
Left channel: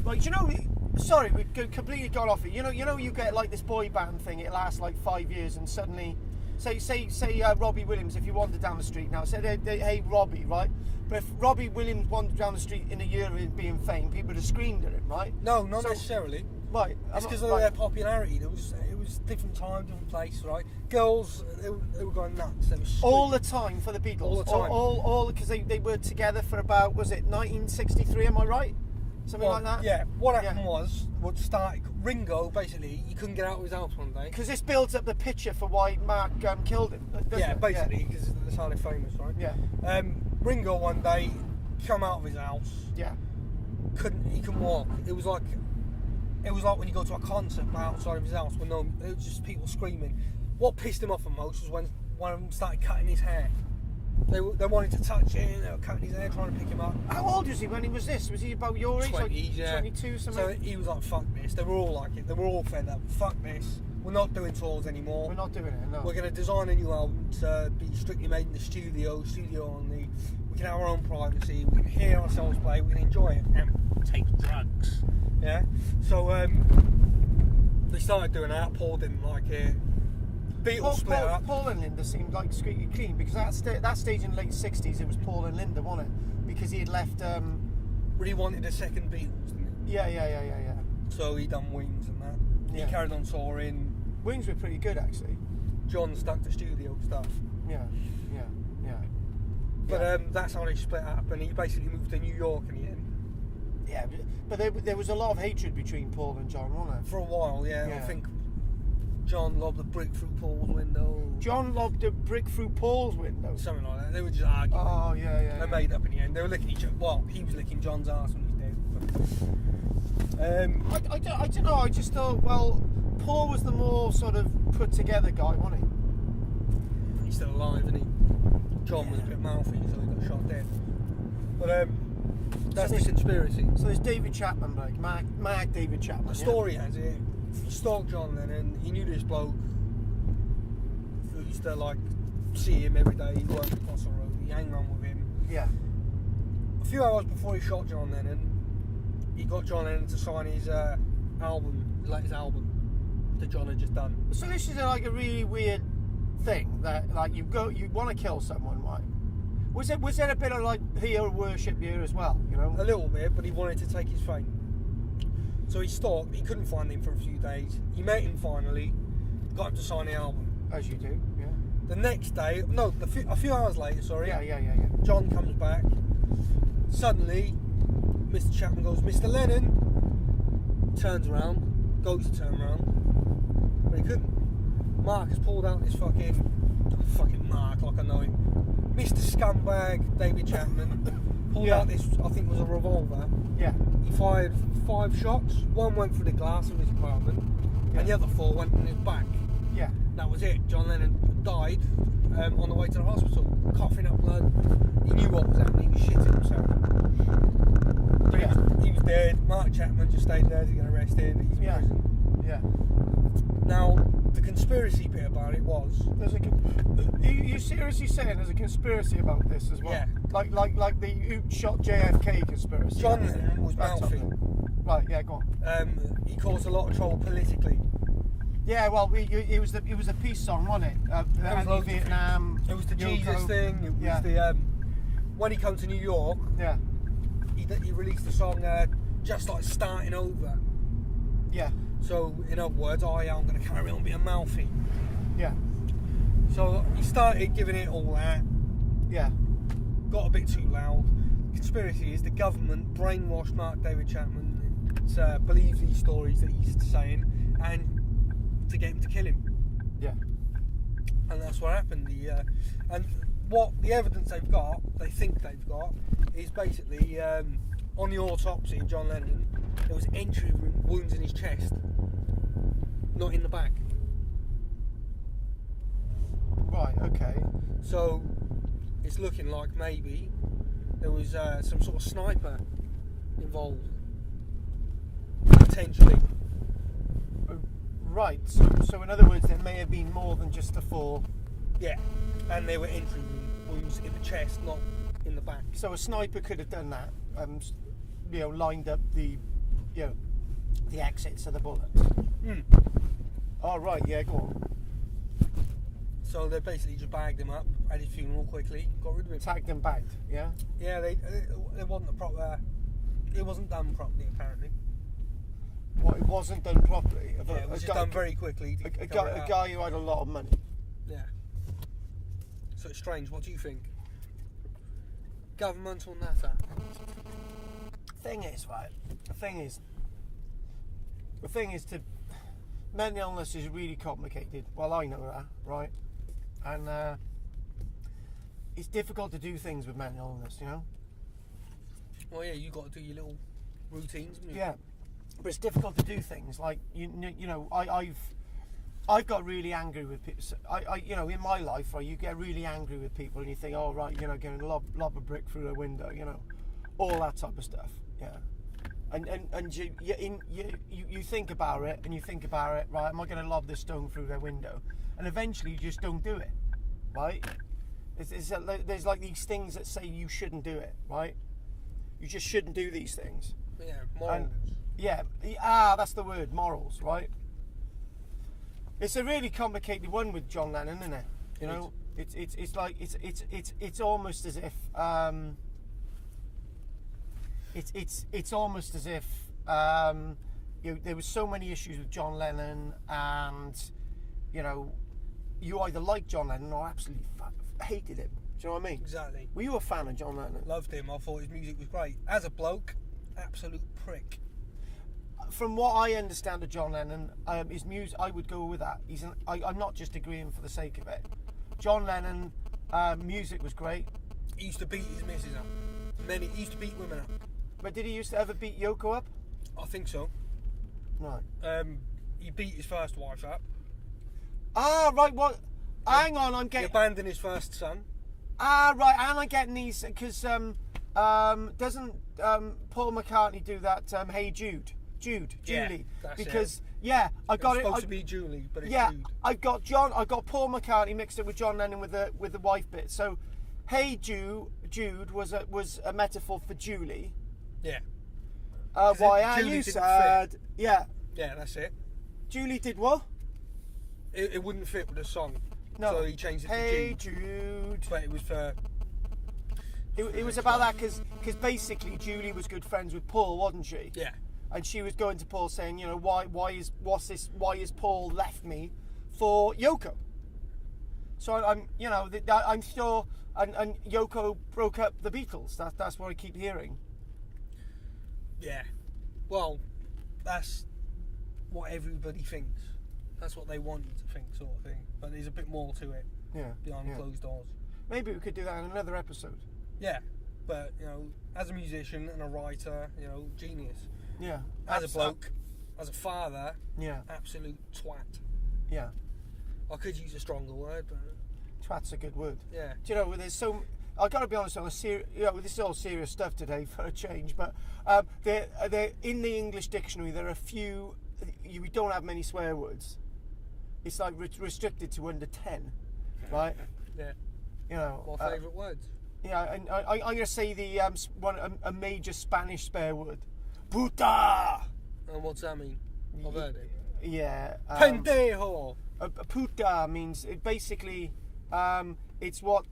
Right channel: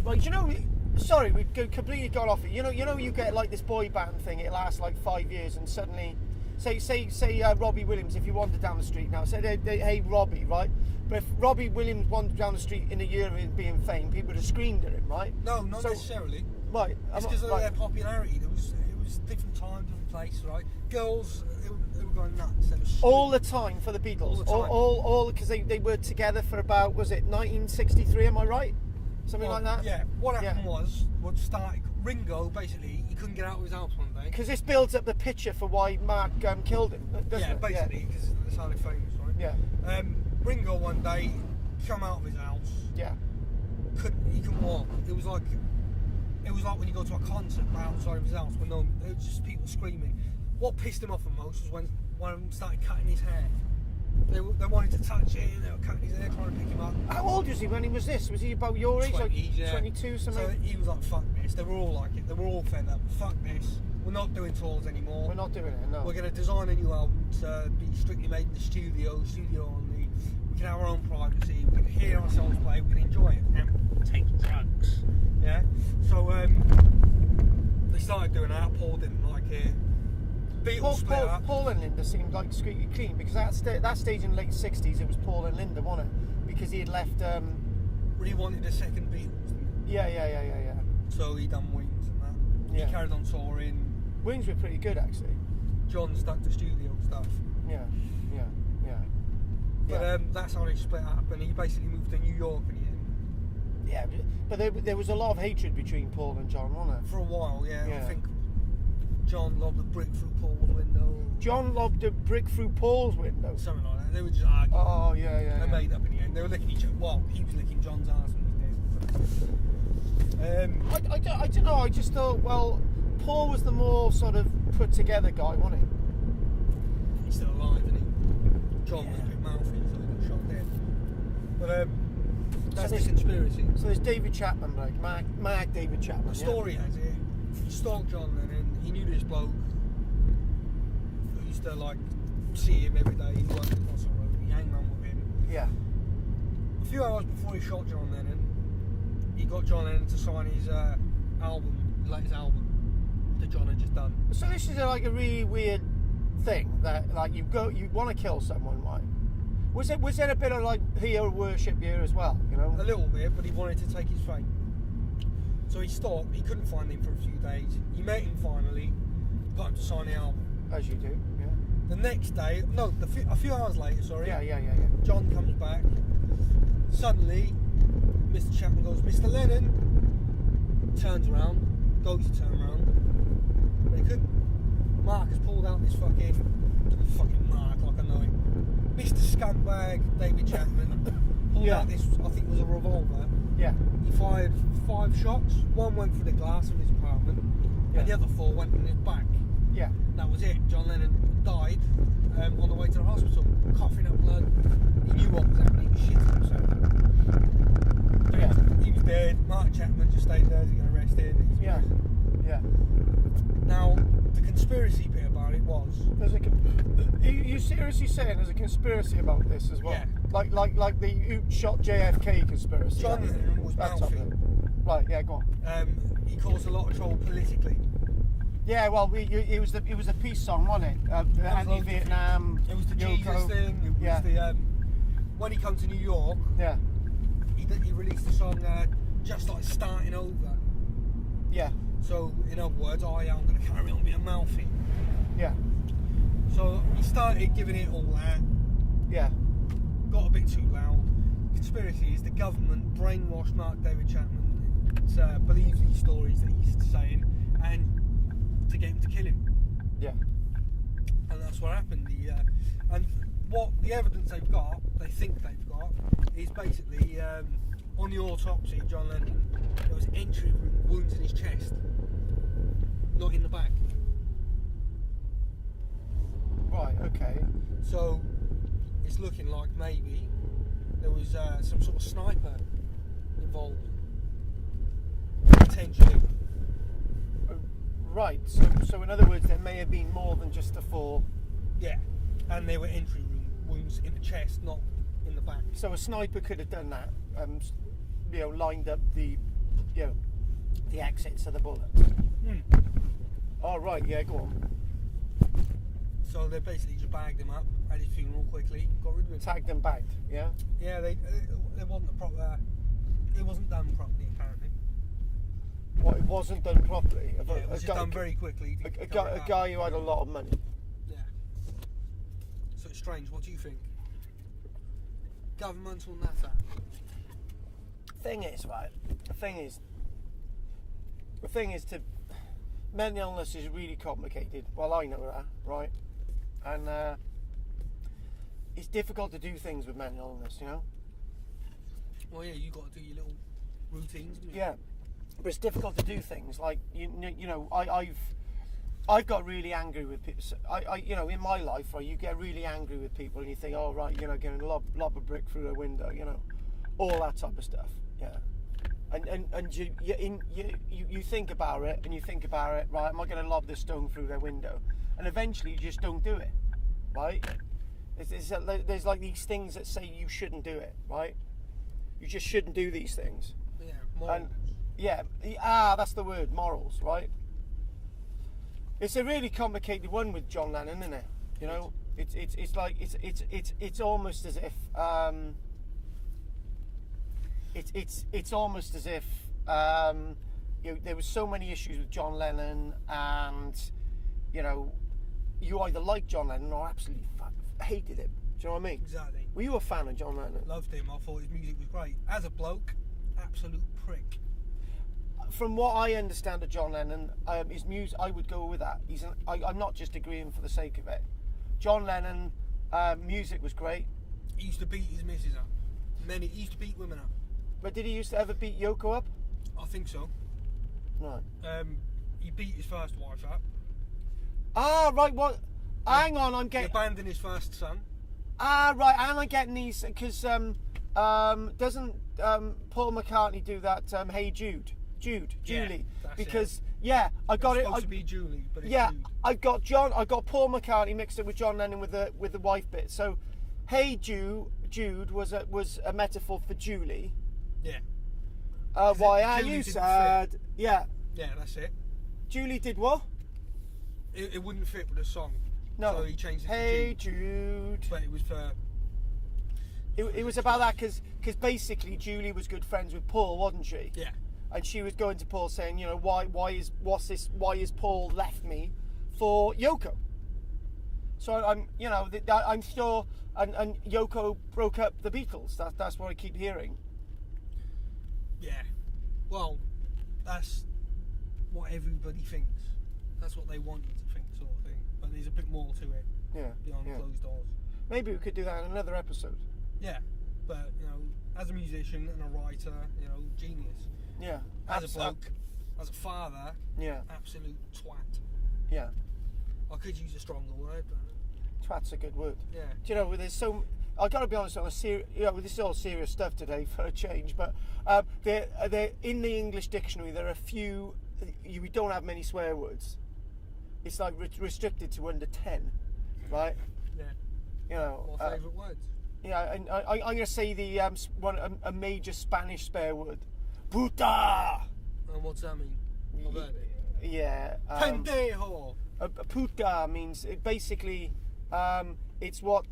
like, you know? Sorry, we completely got off it. You know, you get like this boy band thing. It lasts like 5 years, and suddenly, say Robbie Williams. If you wander down the street now, say hey Robbie, right? But if Robbie Williams wandered down the street in a year of him being famed, people would have screamed at him, right? No, not necessarily. Right. It's because of their popularity. It was different time, different place, right? Girls, they were going nuts. They were all the time for the Beatles. All the time. All because they were together for about, was it 1963? Am I right? Something like that. Yeah. What happened was, Ringo basically, he couldn't get out of his house one day. Because this builds up the picture for why Mark killed him. Doesn't Yeah, it? basically, because that's how they're famous, right? Yeah. Ringo one day come out of his house. Yeah. He couldn't walk. It was like when you go to a concert outside of his house when it was just people screaming. What pissed him off the most was when one of them started cutting his hair. They wanted to touch him, they were cutting his hair, trying to pick him up. How old was he when he was this? Was he about your age? 20s, like yeah. 22 something? So he was like, fuck this. They were all like it. They were all fed up. Fuck this. We're not doing tours anymore. We're not doing it, no. We're going to design a new album to be strictly made in the studio only. We can have our own privacy. We can hear ourselves play. We can enjoy it and take drugs. Yeah. So They started doing that. Paul didn't like it. Beatles split up. Paul and Linda seemed like squeaky clean because that stage in the late 60s it was Paul and Linda, wasn't it? Because he had left. Really wanted a second Beatles, didn't he? Yeah. So he done Wings and that. Yeah. He carried on touring. Wings were pretty good actually. John stuck to studio stuff. Yeah. But that's how they split up, and he basically moved to New York in the end. Yeah, but there was a lot of hatred between Paul and John, wasn't there? For a while, yeah. Yeah. I think John lobbed a brick through Paul's window. John lobbed a brick through Paul's window. Something like that. They were just arguing. Oh, yeah. They made up in the end. They were licking each other. Well, he was licking John's ass when he was dead. I don't know. I just thought, well, Paul was the more sort of put together guy, wasn't he? He's still alive, isn't he? John was a bit mouthy, so he got shot dead. But that's the conspiracy. So there's David Chapman, like Mark David Chapman. The story has it. He stalked John Lennon. He knew this bloke. Who used to like see him every day. He worked across the road. He hang around with him. Yeah. A few hours before he shot John Lennon, he got John Lennon to sign his latest album that John had just done. So this is like a really weird thing that like you want to kill someone, right? Was there a bit of like hero worship here as well? You know, A little bit, but he wanted to take his fame. So he stopped. He couldn't find him for a few days. He met him finally, got him to sign the album. as you do. Yeah. The next day, a few hours later, sorry. Yeah. John comes back. Suddenly, Mr. Chapman goes, Mr. Lennon. Turns around, goes to turn around, but he couldn't. Mark has pulled out this fucking Mark, like I know him. Mr. Scumbag David Chapman pulled out this, I think it was a revolver. Yeah. He fired 5 shots. 1 went through the glass of his apartment, and the other 4 went in his back. Yeah. That was it. John Lennon died on the way to the hospital, coughing up blood. He knew what was happening. He was shitting himself. So he was dead. Mark Chapman just stayed there to get arrested. He's in prison. Yeah. Now, the conspiracy bit about it was... Are you seriously saying there's a conspiracy about this as well? Yeah. Like the who shot JFK conspiracy? John Lennon was That's mouthy. something. Right, yeah, go on. He caused a lot of trouble politically. Yeah, well, it was a peace song, wasn't it? There was Anti-Vietnam. It was the Yoko. Jesus thing. It was the... when he came to New York, Yeah. he released the song Just Like Starting Over. Yeah. So, in other words, I'm going to carry on being mouthy. Yeah. So he started giving it all that, Yeah. got a bit too loud. Conspiracy is the government brainwashed Mark David Chapman to believe these stories that he's saying and to get him to kill him. Yeah. And that's what happened. And what the evidence they think they've got, is basically on the autopsy of John Lennon, there was entry wounds in his chest, not in the back. Right. Okay. So it's looking like maybe there was some sort of sniper involved, potentially. Right. So in other words, there may have been more than just the 4. Yeah, and there were entry wounds in the chest, not in the back. So a sniper could have done that. Lined up the exits of the bullets. Oh right. Yeah. Go on. So they basically just bagged him up, had his funeral quickly, got rid of him. Tagged and bagged. Yeah. Yeah, they wasn't a proper. It wasn't done properly, apparently. What, it wasn't done properly? Yeah, it was just done very quickly. A guy who had a lot of money. Yeah. So it's strange. What do you think? Governmental natter. Thing is, right? The thing is to mental illness is really complicated. Well, I know that, right? And it's difficult to do things with mental illness, you know. Well, yeah, you got to do your little routines. Haven't you? Yeah, but it's difficult to do things like I've got really angry with people. In my life, right, you get really angry with people, and you think, oh right, going to lob a brick through a window, all that type of stuff. Yeah, and you think about it, and you think about it, right? Am I going to lob this stone through their window? And eventually, you just don't do it, right? There's like these things that say you shouldn't do it, right? You just shouldn't do these things. Yeah, morals. That's the word, morals, right? It's a really complicated one with John Lennon, isn't it? You know, it's like it's almost as if it's almost as if you know, there was so many issues with John Lennon, and you know, you either liked John Lennon or absolutely hated him. Do you know what I mean? Exactly. Were you a fan of John Lennon? Loved him. I thought his music was great. As a bloke, absolute prick. From what I understand of John Lennon, his music, I would go with that. I'm not just agreeing for the sake of it. John Lennon, music was great. He used to beat his missus up. He used to beat women up. But did he used to ever beat Yoko up? I think so. Right. He beat his first wife up. Ah, right. What? Hang on, I'm He getting. abandoned his first son. Ah, right. And I'm getting these because doesn't Paul McCartney do that? Hey Jude, Julie. That's Because I got It's it. supposed to be Julie, but it's Yeah, Jude. I got Paul McCartney mixed up with John Lennon with the wife bit. So, Hey Jude was a metaphor for Julie. Yeah. Why are Julie you didn't sad? Yeah. Yeah, that's it. Julie did what? It wouldn't fit with the song. No. So he changed it Hey to Jude. Jude. But it was for... It was about that because basically Julie was good friends with Paul, wasn't she? Yeah. And she was going to Paul saying, you know, why is Paul left me for Yoko? So I'm sure, and Yoko broke up the Beatles. That's what I keep hearing. Yeah. Well, that's what everybody thinks. That's what they want you to think, sort of thing. But there's a bit more to it Yeah. behind closed doors. Maybe we could do that in another episode. Yeah. But, you know, as a musician and a writer, you know, genius. Yeah. As a bloke, as a father, Yeah. absolute twat. Yeah. I could use a stronger word, but Twat's a good word. yeah. Do you know, there's so... I've got to be honest, this is all serious stuff today for a change, but they're in the English dictionary, there are a few... We don't have many swear words. It's like restricted to under 10, right? Yeah. You know... What favourite words? Yeah, and I'm going to say a major Spanish swear word. Puta! And what's that mean? I've heard it. Yeah. Pendejo! A puta means it basically it's what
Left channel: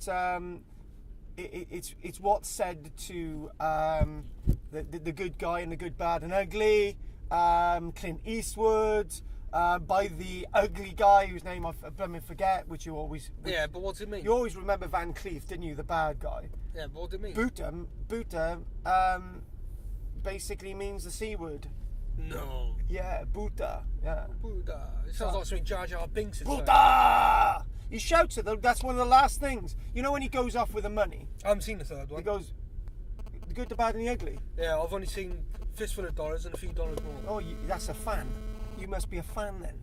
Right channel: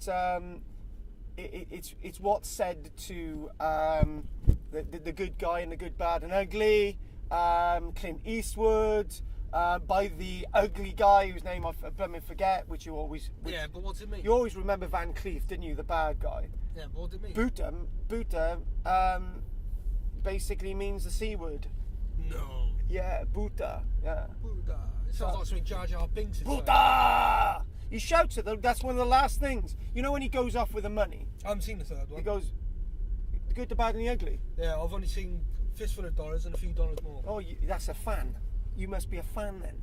it's what's said to the good guy and the good, bad and ugly, Clint Eastwood, by the ugly guy whose name I forget, which you always Yeah, but what's it mean? you always remember Van Cleef, didn't you, the bad guy? Yeah, but what's it mean? Buta basically means the C word. No. Yeah, Buta. Yeah. Buddha. It sounds like something Jar Jar Binks would say. Buta! He shouts it though. That's one of the last things. You know when he goes off with the money? I haven't seen the third He one. goes, the good, the bad, and the ugly. Yeah, I've only seen Fistful of Dollars and a few dollars more. Oh, that's a fan. You must be a fan then,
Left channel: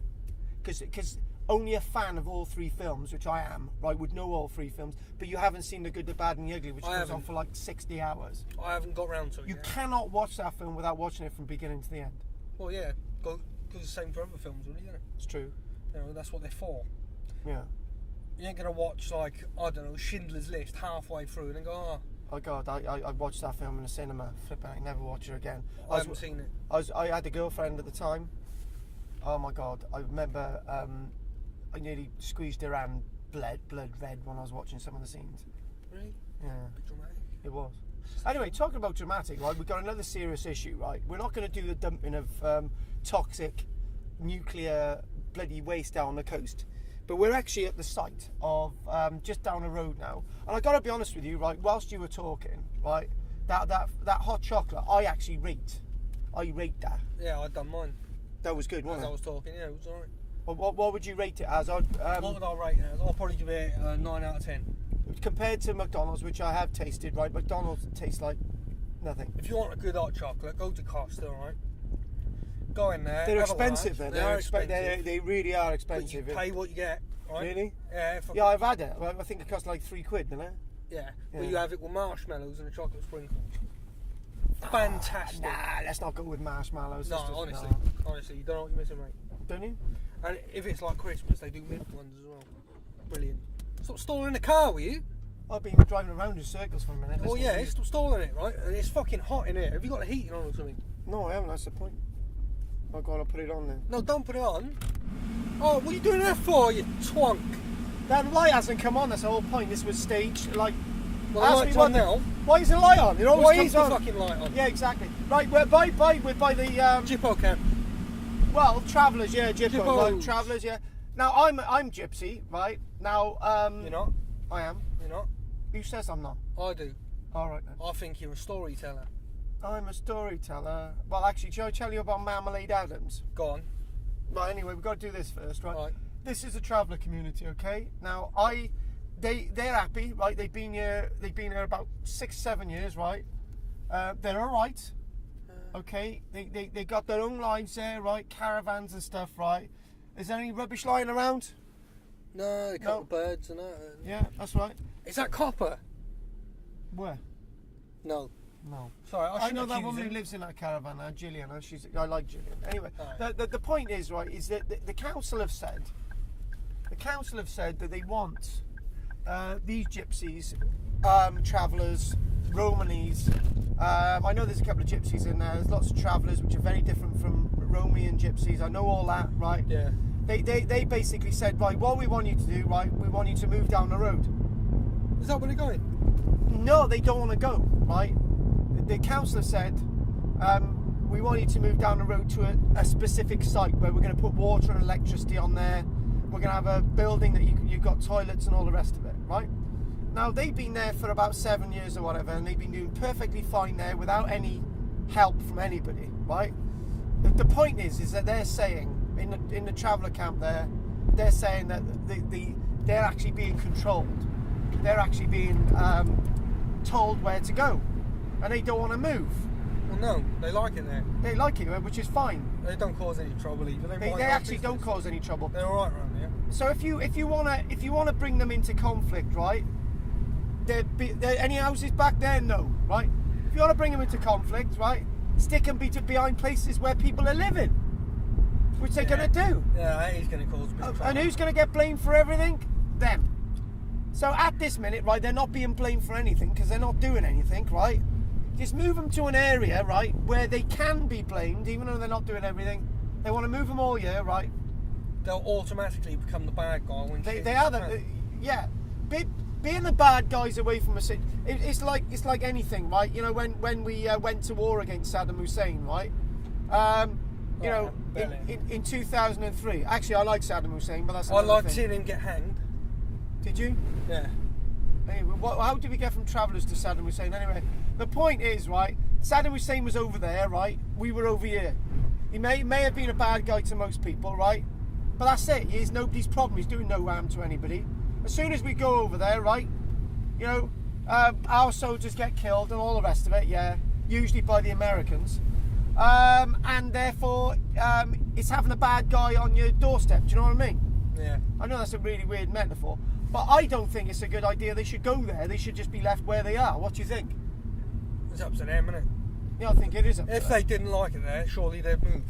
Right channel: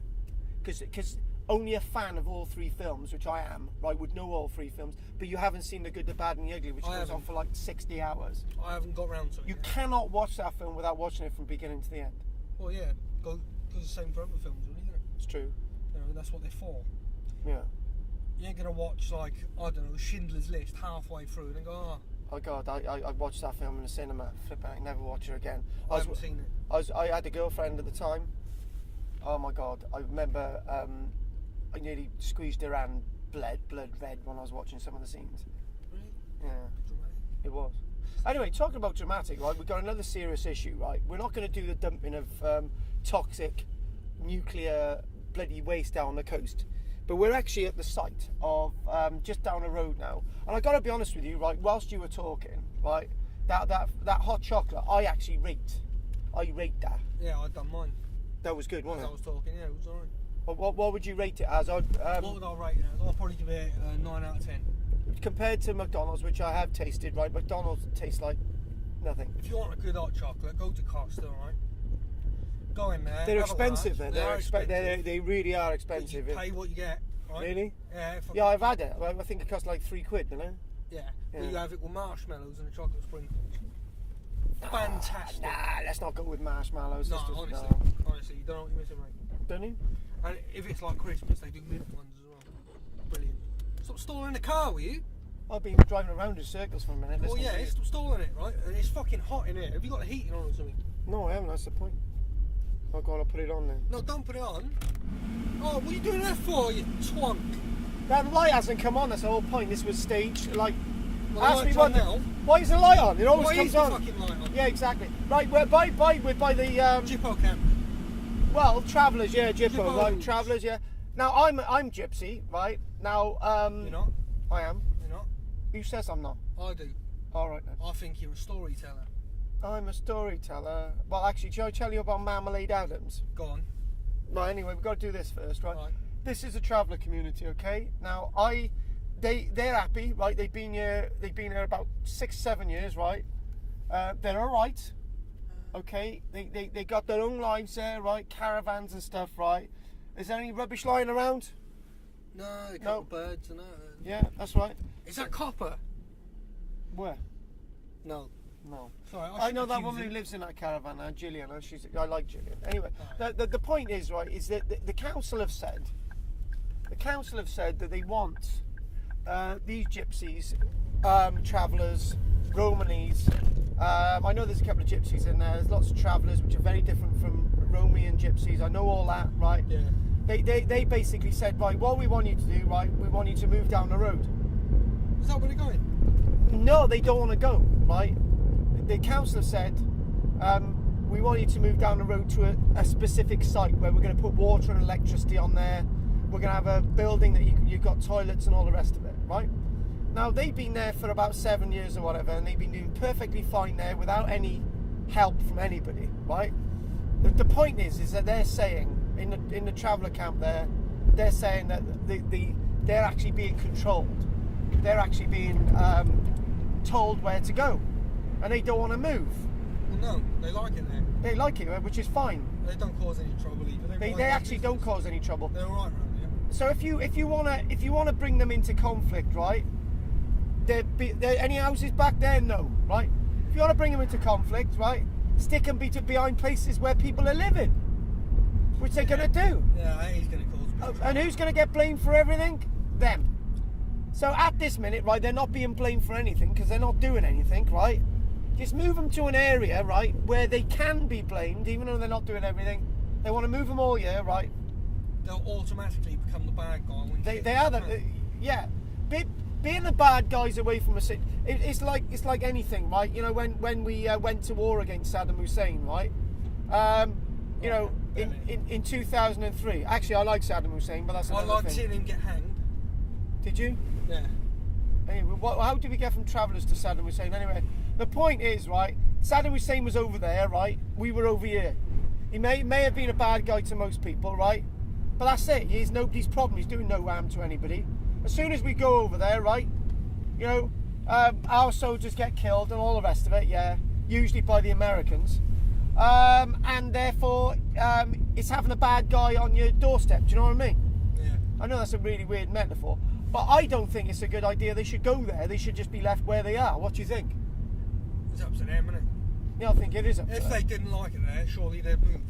because only a fan of all three films, which I am, right, would know all three films. But you haven't seen the good, the bad, and the ugly, which I goes on haven't. for like 60 hours. I haven't got round to it You yet. cannot watch that film without watching it from beginning to the end. Well, yeah, goes the same for other films, really, isn't it? It's true. You know, that's what they're for. Yeah. You ain't gonna watch, like, I don't know, Schindler's List halfway through and then go, oh, Oh God, I watched that film in the cinema. Flipping, I never watch it again. I haven't seen it. I had a girlfriend at the time. Oh my God, I remember I nearly squeezed her hand, blood red when I was watching some of the scenes. Really? Yeah, Bit dramatic. it was. Anyway, talking about dramatic, right? We've got another serious issue, right? We're not going to do the dumping of toxic nuclear bloody waste down the coast, but we're actually at the site of just down the road now. And I got to be honest with you, right? Whilst you were talking, right, that hot chocolate, I actually rate that. Yeah, I'd done mine. That was good, As wasn't I it? was talking, yeah, it was alright. What would you rate it as? What would I rate it as? I'll probably give it a 9 out of 10. Compared to McDonald's, which I have tasted, right? McDonald's tastes like nothing. If you want a good hot chocolate, go to Costa, alright? Go in there. They're have a expensive, lunch. then. They're expensive. They really are But expensive. you pay what you get, right? Really? Yeah. Yeah, I've had it. I think it cost like £3, didn't it? Yeah. Yeah. But you have it with marshmallows and a chocolate sprinkle. Fantastic. Nah, let's not go with marshmallows. No, Let's just- honestly, you don't know what you're missing, mate. Don't you? And if it's like Christmas, they do mint ones as well. Brilliant. Stop stalling the car, will you? I've been driving around in circles for a minute. Oh listening yeah, to you. stop stalling it, right? And it's fucking hot in here. Have you got the heating on or something? No, I haven't. That's the point. Oh God, I'll put it on then. No, don't put it on. Oh, what are you doing that for, you twonk? That light hasn't come on, that's the whole point. This was staged, like... Well, ask the me light's one on now. Why is the light on? It always Why comes is the on. fucking light on? Yeah, exactly. Right, we're by the... Jippo camp. Well, travellers, yeah, Jippo, Jippos. right, travellers, yeah. Now, I'm Gypsy, right? Now, You're not. I am. You're not. Who says I'm not? I do. All right, then. I think you're a storyteller. I'm a storyteller. Well, actually, shall I tell you about Marmalade Adams? Go on. Right, anyway, we've got to do this first, right? Right. This is a traveller community, okay? Now, they're happy, right? They've been here about 6-7 years, right? They're all right, okay? They got their own lives there, right? Caravans and stuff, right? Is there any rubbish lying around? No, a couple of birds and that. Yeah, that's right. Is that copper? Where? No. No. Sorry, I know that woman who lives in that caravan now, Gillian. I like Gillian. Anyway, Right. the point is, right, is that the council have said that they want these gypsies, travellers, Romanese. I know there's a couple of gypsies in there. There's lots of travellers which are very different from Romanian gypsies. I know all that, right? Yeah. They basically said, right, what we want you to do, right, we want you to move down the road. Is that where they're going? No, they don't want to go, right? The council said, we want you to move down the road to a specific site where we're going to put water and electricity on there. We're going to have a building that you've got toilets and all the rest of it, right? Now, they've been there for about 7 years or whatever, and they've been doing perfectly fine there without any help from anybody, right? The point is that they're saying, in the traveller camp there, they're saying that they're actually being controlled. They're actually being told where to go, and they don't want to move. Well, no, they like it there. They like it, which is fine. They don't cause any trouble either. They actually don't cause any trouble. They're alright around here. So if you wanna bring them into conflict, right? There any houses back there? No, right? If you want to bring them into conflict, right? Stick them behind places where people are living, which they're gonna do. Yeah, that is going to cause a bit of trouble. And who's gonna get blamed for everything? Them. So at this minute, right, they're not being blamed for anything because they're not doing anything, right? Just move them to an area, right, where they can be blamed, even though they're not doing everything. They want to move them all year, right? They'll automatically become the bad guy when They are the yeah. Being the bad guys away from us, it's like anything, right? You know, when we went to war against Saddam Hussein, right? You know, in 2003. Actually, I like Saddam Hussein, but that's I another liked thing. seeing him get hanged. Did you? Yeah. Anyway, how did we get from travellers to Saddam Hussein? Anyway, the point is, right, Saddam Hussein was over there, right? We were over here. He may have been a bad guy to most people, right? But that's it. He's nobody's problem. He's doing no harm to anybody. As soon as we go over there, right, you know, our soldiers get killed and all the rest of it, yeah, usually by the Americans. And therefore, it's having a bad guy on your doorstep. Do you know what I mean? Yeah. I know that's a really weird metaphor, but I don't think it's a good idea. They should go there. They should just be left where they are. What do you think? It's up to them, isn't it? Yeah, I think it is up to If them. they didn't like it there, surely they'd move.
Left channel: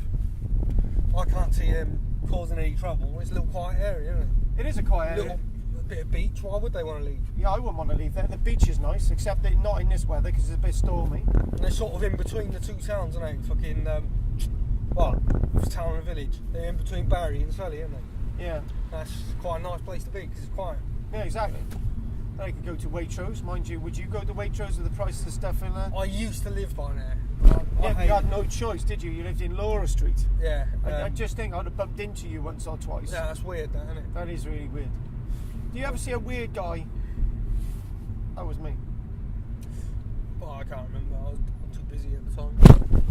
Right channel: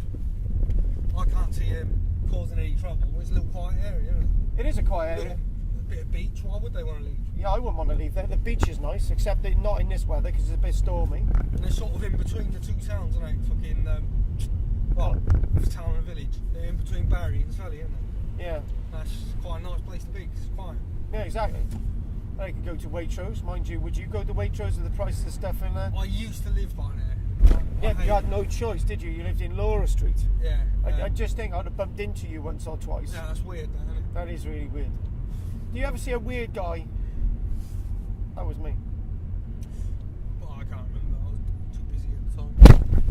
I can't see them causing any trouble. It's a little quiet area, isn't it? It is a quiet area. Little bit of beach. Why would they want to leave? Yeah, I wouldn't want to leave there. The beach is nice, except that not in this weather because it's a bit stormy. And they're sort of in between the two towns, aren't they? Fucking, it's town and village. They're in between Barry and Sully, aren't they? Yeah. That's quite a nice place to be because it's quiet. Yeah, exactly. I could go to Waitrose, mind you. Would you go to Waitrose with the prices of stuff in there? I used to live by there. Yeah, but you had no choice, did you? You lived in Laura Street. Yeah. I just think I'd have bumped into you once or twice. Yeah, that's weird, that, isn't it? That is really weird. Do you ever see a weird guy? That was me. But I can't remember. I was too busy at the time.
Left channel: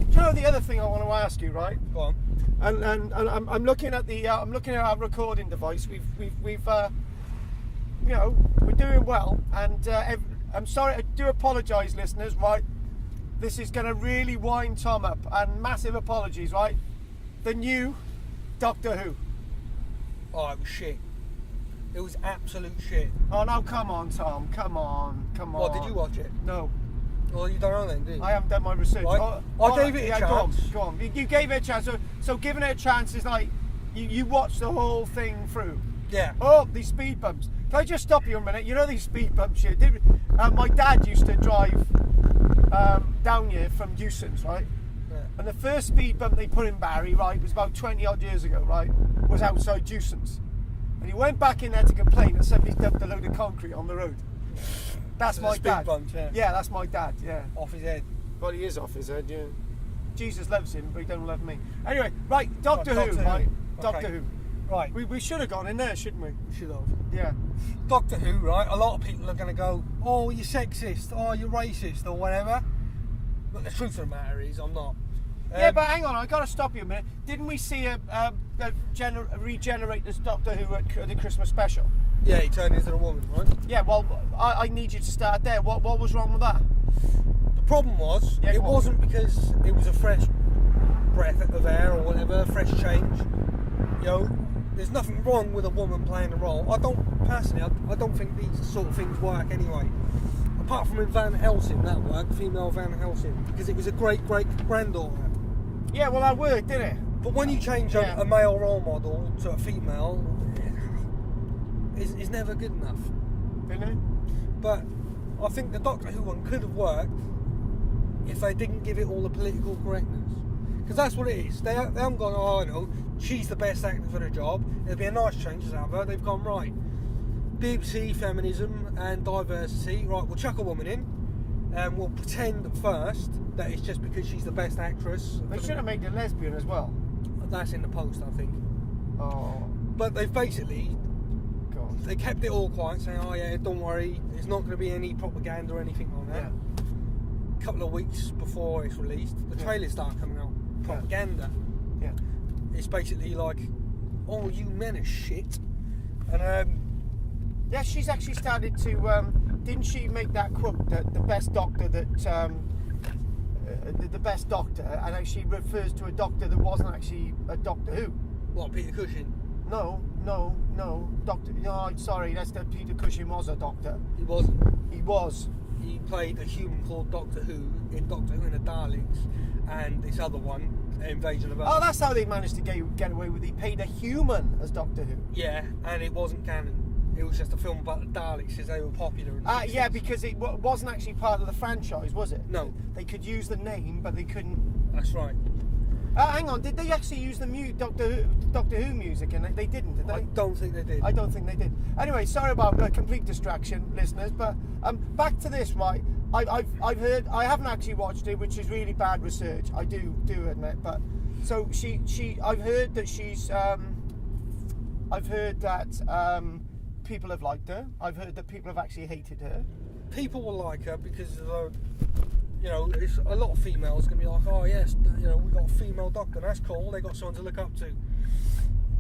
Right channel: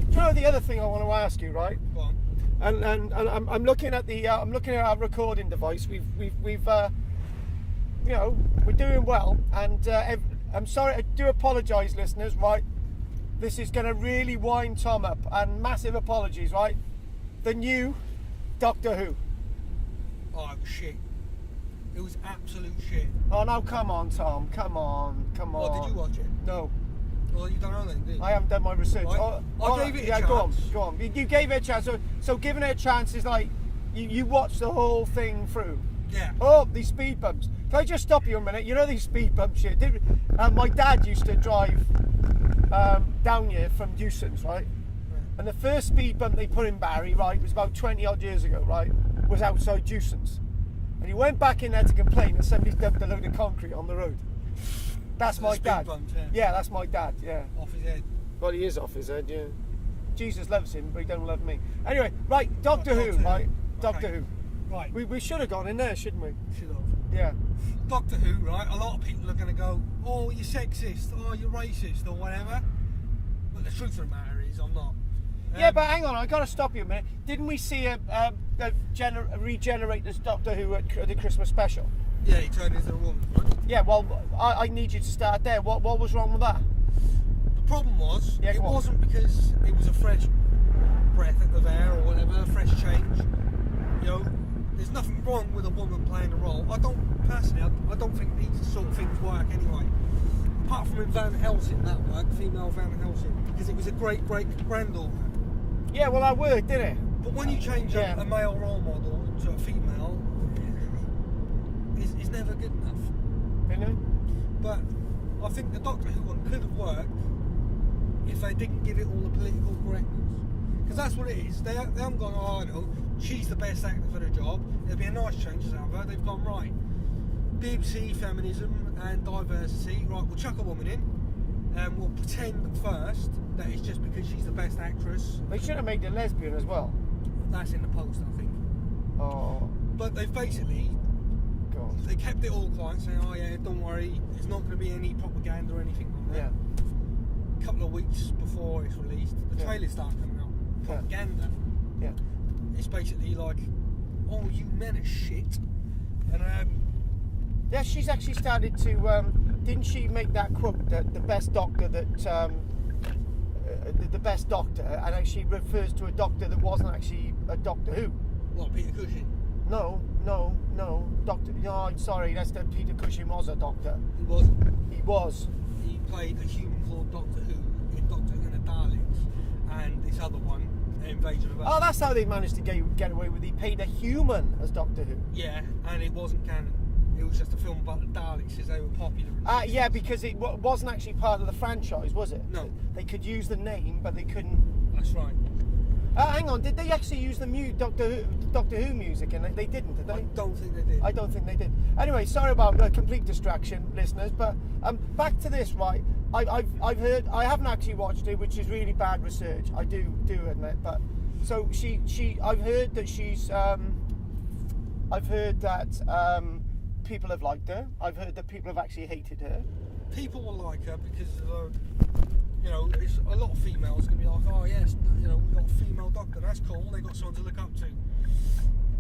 Do you know the other thing I want to ask you, right? Go on. And I'm looking at the I'm looking at our recording device. We've you know, we're doing well, and I'm sorry. I do apologise, listeners. Right, this is going to really wind Tom up, and massive apologies. Right, the new Doctor Who. Oh, it was shit. It was absolute shit. Oh no, come on, Tom. Come on. What, did you watch it? No. Well, you don't know then, did you? I haven't done my research. I gave it a chance. Go on. You gave it a chance. So giving it a chance is like you watched the whole thing through. Yeah. Oh, these speed bumps. Can I just stop you a minute? You know these speed bumps here. My dad used to drive down here from Dewson's, right? Yeah. And the first speed bump they put in Barry, right, was about 20 odd years ago, right? was outside Dewson's. And he went back in there to complain that somebody's dumped a load of concrete on the road. That's my Speed dad. bumps, yeah. Yeah, that's my dad, yeah. Off his head. Well, he is off his head, yeah. Jesus loves him, but he don't love me. Anyway, right, Doctor Who, Doctor Who. right? Okay. Doctor Who. Right. We should have gone in there, shouldn't we? Should have. Yeah. Doctor Who, right? A lot of people are going to go, oh, you're sexist, oh, you're racist, or whatever. But the truth of the matter is, I'm not. Yeah, but hang on, I got to stop you a minute. Didn't we see a regenerate this Doctor Who at the Christmas special? Yeah, he turned into a woman, right? Yeah, well, I need you to start there. What was wrong with that? The problem was, Yeah, it go on. wasn't because it was a fresh breath of air or whatever, fresh change. You know, there's nothing wrong with a woman playing a role. I don't think these sort of things work anyway. Apart from in Van Helsing, that worked, female Van Helsing, because it was a great-great-granddaughter. Yeah, well, that worked, didn't it? But when you change Yeah. a male role model to a female, is never good enough. Didn't it? But I think the Doctor Who one could have worked if they didn't give it all the political correctness. Because that's what it is. They haven't gone, oh, no, she's the best actor for the job. It'd be a nice change to have her. They've gone, right, BBC, feminism and diversity. Right, we'll chuck a woman in and we'll pretend at first that it's just because she's the best actress. They should have made her lesbian as well. That's in the post, I think. Oh, But they've basically, God. they kept it all quiet, saying, oh yeah, don't worry, there's not going to be any propaganda or anything like that. Yeah. A couple of weeks before it's released, the Yeah. trailers start coming out. Propaganda. Yeah. It's basically like, oh, you men are shit. And Yeah, she's actually started to. Didn't she make that quote that the best doctor that the best doctor, and actually refers to a doctor that wasn't actually a Doctor Who? what, Peter Cushing? No, Doctor. No, I'm sorry. That's that Peter Cushing was a doctor. He wasn't. He was. He played a human called Doctor Who in Doctor Who and the Daleks, and this other one, Invasion of Earth. Oh, that's how they managed to get away with it. He played a human as Doctor Who. Yeah, and it wasn't canon. It was just a film about the Daleks because they were popular. In the 60s. Yeah, because it wasn't actually part of the franchise, was it? No. They could use the name, but they couldn't. That's right. Hang on, did they actually use the Doctor Who music? And they didn't, did they? I don't think they did. I don't think they did. Anyway, sorry about the complete distraction, listeners. But back to this, right? I've heard. I haven't actually watched it, which is really bad research. I do admit. But so I've heard that she's. I've heard that people have liked her. I've heard that people have actually hated her. People will like her because, you know, it's a lot of females going to be like, oh yes, you know, we've got a female doctor, that's cool, they got someone to look up to.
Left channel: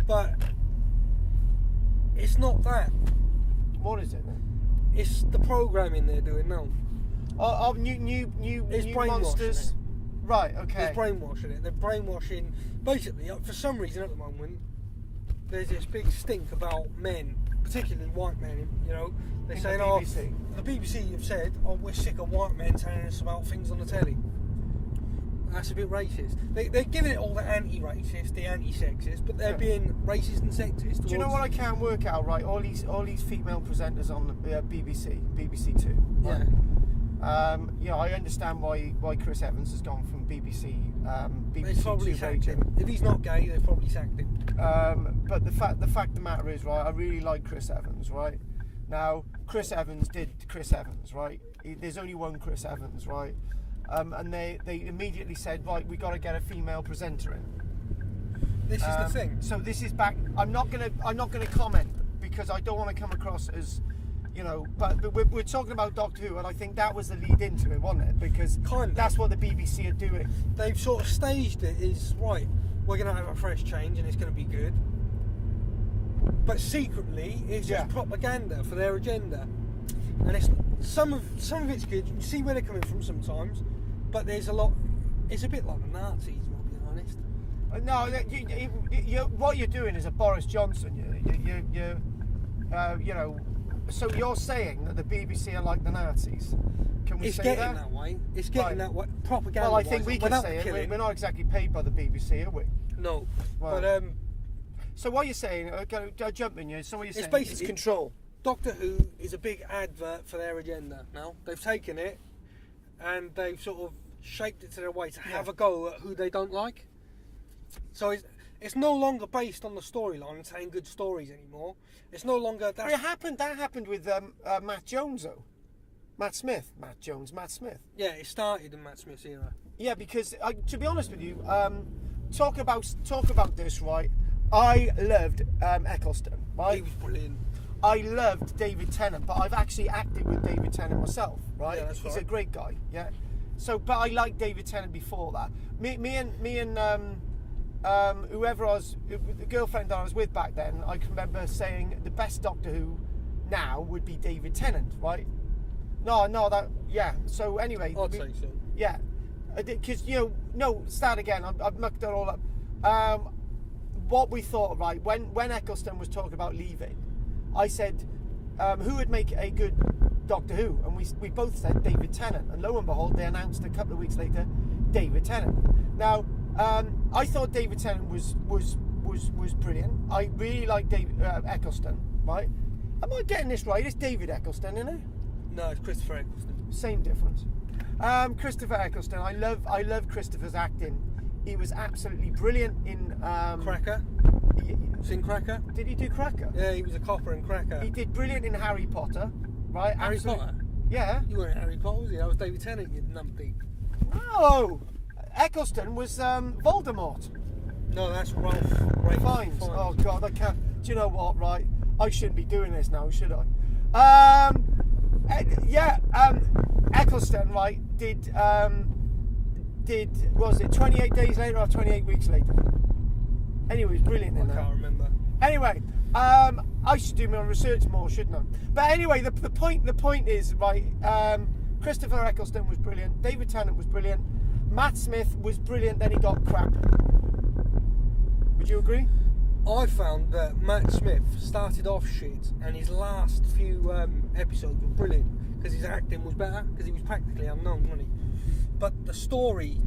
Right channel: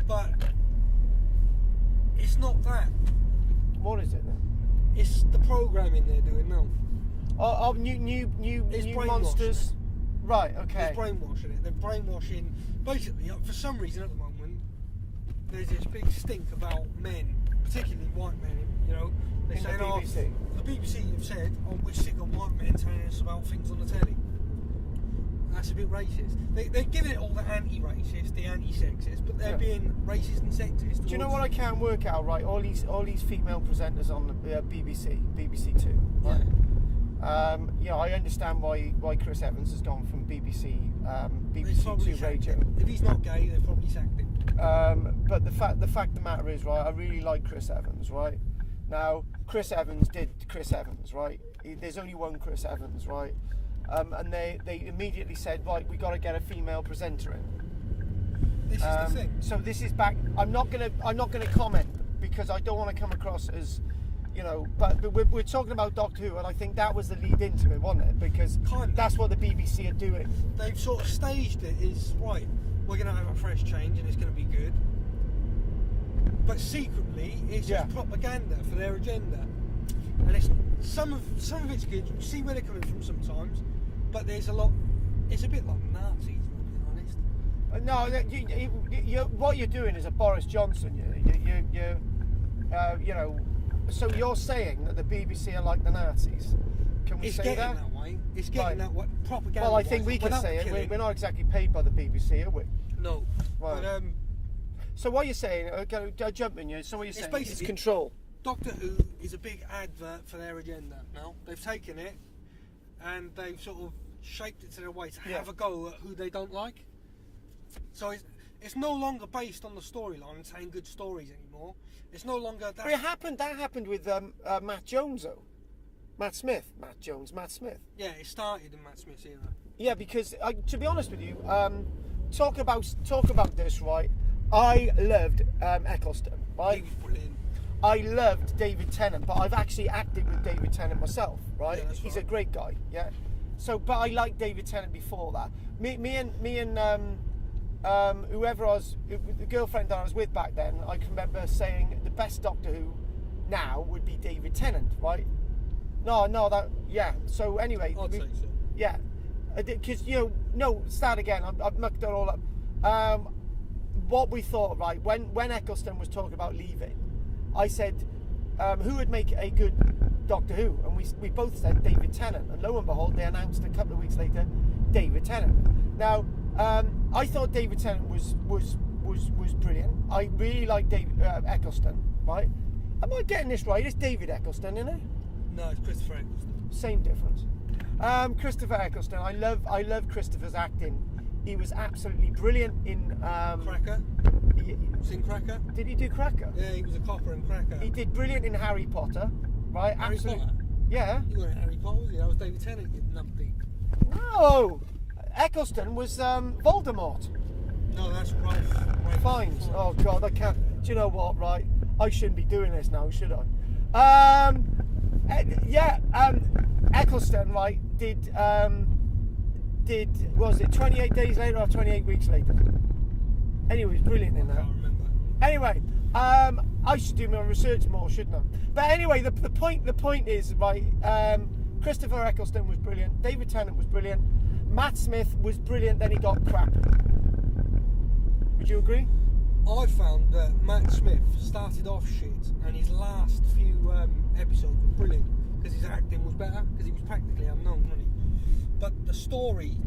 But it's not that. What is it then? It's the programming they're doing now. Of new It's brainwashing monsters. it. Right. Okay. They're brainwashing it. They're brainwashing. Basically, for some reason at the moment, there's this big stink about men, particularly white men. You know, they're In the saying, BBC. oh, the BBC have said, oh, we're sick of white men telling us about things on the telly. That's a bit racist. They're giving it all the anti-racist, the anti-sexist, but they're being racist and sexist. Do you know what I can't work out? Right, all these female presenters on the BBC Two. Right? Yeah. You know, I understand why Chris Evans has gone from BBC They've probably Two sacked Radio. him. If he's not gay, they've probably sacked him. But the fact of the matter is, right, I really like Chris Evans, right? Now, Chris Evans did Chris Evans, right? There's only one Chris Evans, right? And they immediately said, right, we got to get a female presenter in. This is the thing. So this is back. I'm not gonna comment because I don't want to come across as, you know. But we're talking about Doctor Who, and I think that was the lead into it, wasn't it? Because that's what the BBC are doing. They've sort of staged it as, right, we're going to have a fresh change and it's going to be good. But secretly, it's just propaganda for their agenda. And it's some of it's good. You can see where they're coming from sometimes, but there's a lot. It's a bit like the Nazis, to be honest. No, what you're doing is a Boris Johnson. You know. So you're saying that the BBC are like the Nazis? Can we It's say getting that? that way. It's getting that way. Propaganda. Well, I think we can say it. We're not exactly paid by the BBC, are we? No. Right. But so what you're saying? I'll jump in you. So what you're saying? basically It's control. Doctor Who is a big advert for their agenda now. They've taken it and they've sort of shaped it to their way to have a go at who they don't like. So it's no longer based on the storyline and telling good stories anymore. It's no longer But that happened with Matt Jones though. Matt Smith. Yeah, it started in Matt Smith's era. Yeah, because to be honest with you, talk about this, right? I loved Eccleston, right? He was brilliant. I loved David Tennant, but I've actually acted with David Tennant myself, right? Yeah, that's He's right. a great guy, yeah. So, but I liked David Tennant before that. Me and whoever the girlfriend that I was with back then, I can remember saying the best Doctor Who now would be David Tennant, right? Yeah. So anyway, I'd say so. yeah, because start again. I've mucked it all up. What we thought, right? When Eccleston was talking about leaving, I said, who would make a good Doctor Who? And we both said David Tennant. And lo and behold, they announced a couple of weeks later, David Tennant. Now, I thought David Tennant was brilliant. I really like Eccleston, right? Am I getting this right? It's David Eccleston, isn't it? No, it's Christopher Eccleston. Same difference. Christopher Eccleston. I love Christopher's acting. He was absolutely brilliant in Cracker. Seen Cracker? Did he do Cracker? Yeah, he was a copper in Cracker. He did brilliant in Harry Potter, right? Harry Potter? Yeah. You weren't Harry Potter, was you? That was David Tennant, you numpty. No, Eccleston was Voldemort. No, that's Ralph Fiennes. Oh God, I can't. Do you know what? Right, I shouldn't be doing this now, should I? Eccleston, right? Did was it 28 days later or 28 weeks later? Anyway, he was brilliant in that. I can't remember. Anyway, I should do my research more, shouldn't I? But anyway, the point is, right, Christopher Eccleston was brilliant, David Tennant was brilliant, Matt Smith was brilliant, then he got crap. Would you agree? I found that Matt Smith started off shit and his last few episodes were brilliant because his acting was better because he was practically unknown, wasn't he? But the story,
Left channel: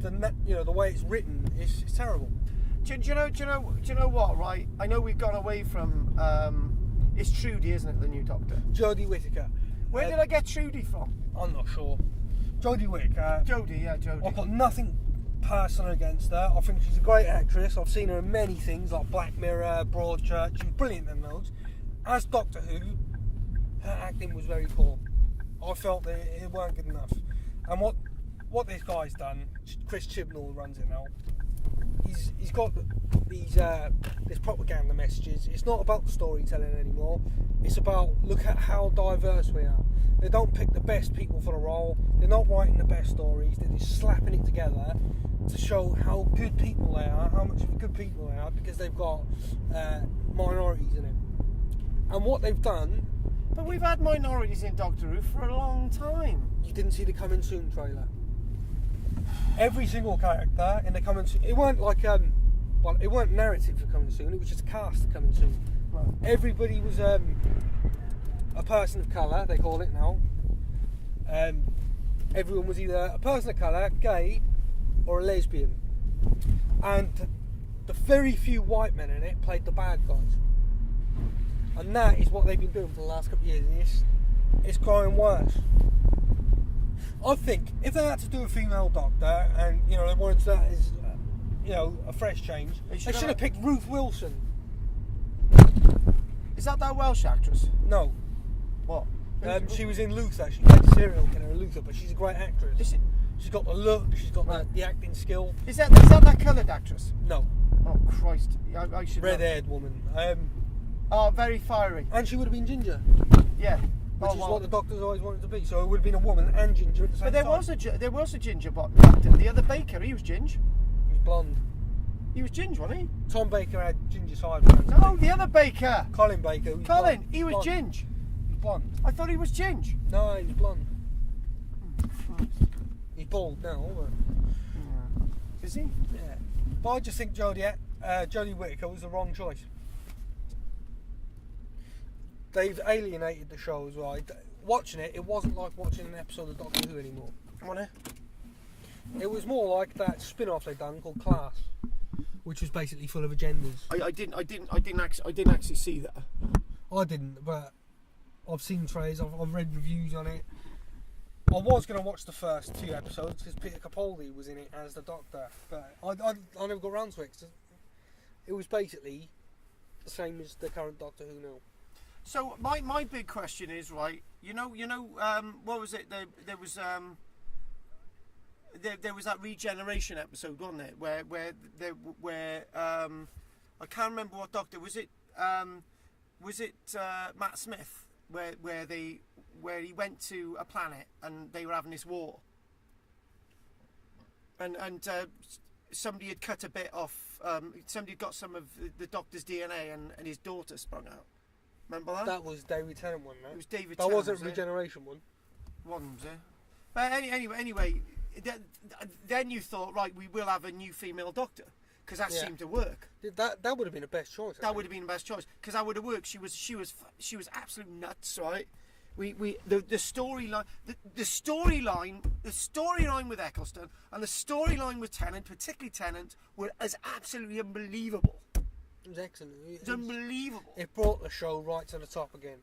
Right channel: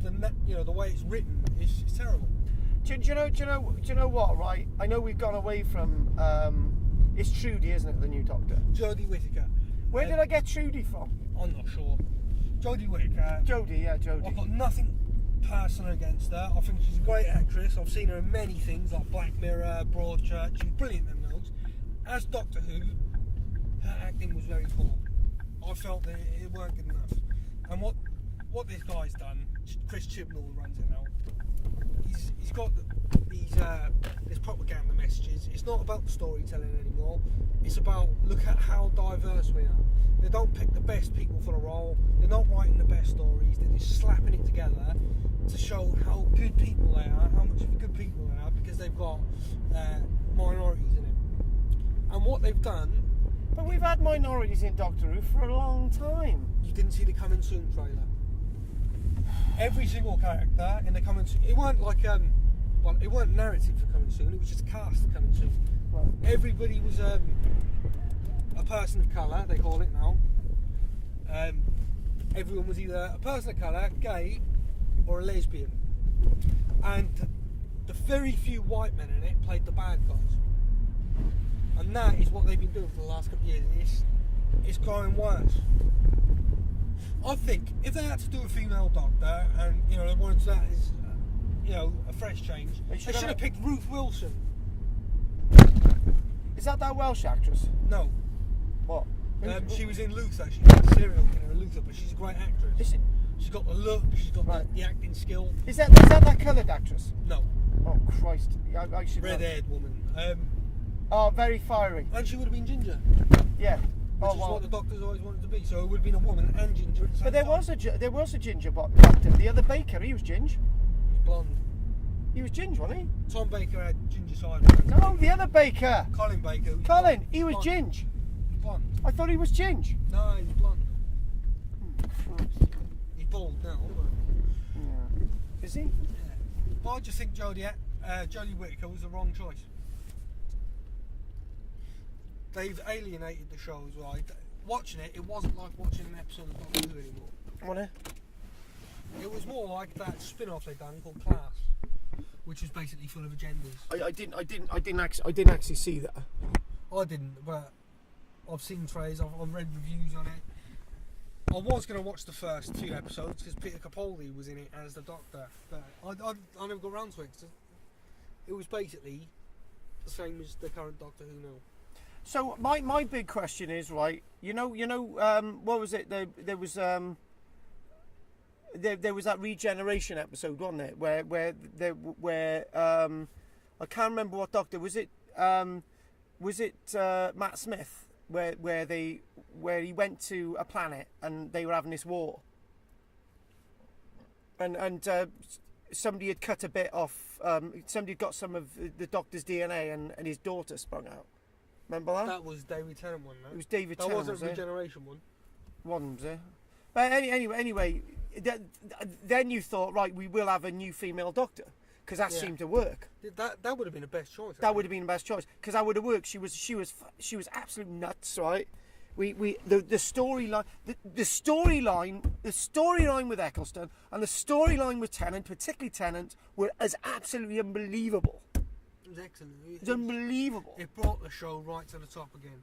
the way it's written is terrible. Do you know what? Right, I know we've gone away from. It's Trudy, isn't it? The new Doctor. Jodie Whittaker. Where did I get Trudy from? I'm not sure. Jodie Whittaker. Jodie, yeah, Jodie. I've got nothing personal against her. I think she's a great actress. I've seen her in many things like Black Mirror, Broadchurch. She's brilliant in those. As Doctor Who, her acting was very poor. I felt that it weren't good enough. And what this guy's done, Chris Chibnall runs it now. He's got these propaganda messages. It's not about the storytelling anymore. It's about look at how diverse we are. They don't pick the best people for the role. They're not writing the best stories. They're just slapping it together to show how good people they are, how much of good people they are, because they've got minorities in it. And what they've done. But we've had minorities in Doctor Who for a long time. You didn't see the Coming Soon trailer. Every single character in the Coming Soon, it weren't like it weren't narrative for Coming Soon. It was just a cast for Coming Soon. Right. Everybody was a person of colour. They call it now. Everyone was either a person of colour, gay, or a lesbian. And the very few white men in it played the bad guys. And that is what they've been doing for the last couple of years. And it's growing worse. I think if they had to do a female Doctor and they wanted that as a fresh change, they should have picked Ruth Wilson. Is that Welsh actress? No, What? she was in Luther. She played serial killer in Luther, but she's a great actress. Is it? She's got the look. She's got Right. the acting skill. Is that coloured actress? No, Oh Christ! I should. know. red-haired woman. Oh, very fiery. And she would have been ginger, Yeah. which is what the Doctors always wanted to be. So it would have been a woman and ginger at the same But there time. was a ginger Doctor. The other Baker, he was ginger. He was blonde. He was ginger, wasn't he? Tom Baker had ginger sideburns. No, the other Baker. Colin Baker. Colin, blonde. he was Blonde. ginger. He's blonde. I thought he was ginger. No, he's blonde. He's bald now, but Yeah. Is he? yeah. But I just think Jodie Whittaker was the wrong choice. They've alienated the show as well. Watching it wasn't like watching an episode of Doctor Who anymore. Wanna? It was more like that spin-off they'd done called Class, which was basically full of agendas. I didn't actually see that. I didn't, but I've seen trailers. I've read reviews on it. I was going to watch the first 2 episodes because Peter Capaldi was in it as the Doctor, but I never got around to it. 'Cause it was basically the same as the current Doctor Who now. So my big question is, right, what was it? There was that regeneration episode, wasn't it? Where I can't remember what Doctor was it. Was it Matt Smith where he went to a planet and they were having this war, and somebody had cut a bit off. Somebody had got some of the Doctor's DNA and his daughter sprung out. Remember that? That was David Tennant one, no? It was David That Tennant. wasn't Was it? Regeneration one. One, was it? But anyway, then you thought, right, we will have a new female Doctor, because that seemed to work. That would have been the best choice. That would have been the best choice, because that would have worked. She was absolute nuts, right? The storyline with Eccleston and the storyline with Tennant, particularly Tennant, were as absolutely unbelievable. It was excellent. It was unbelievable. It brought the show right to the top again.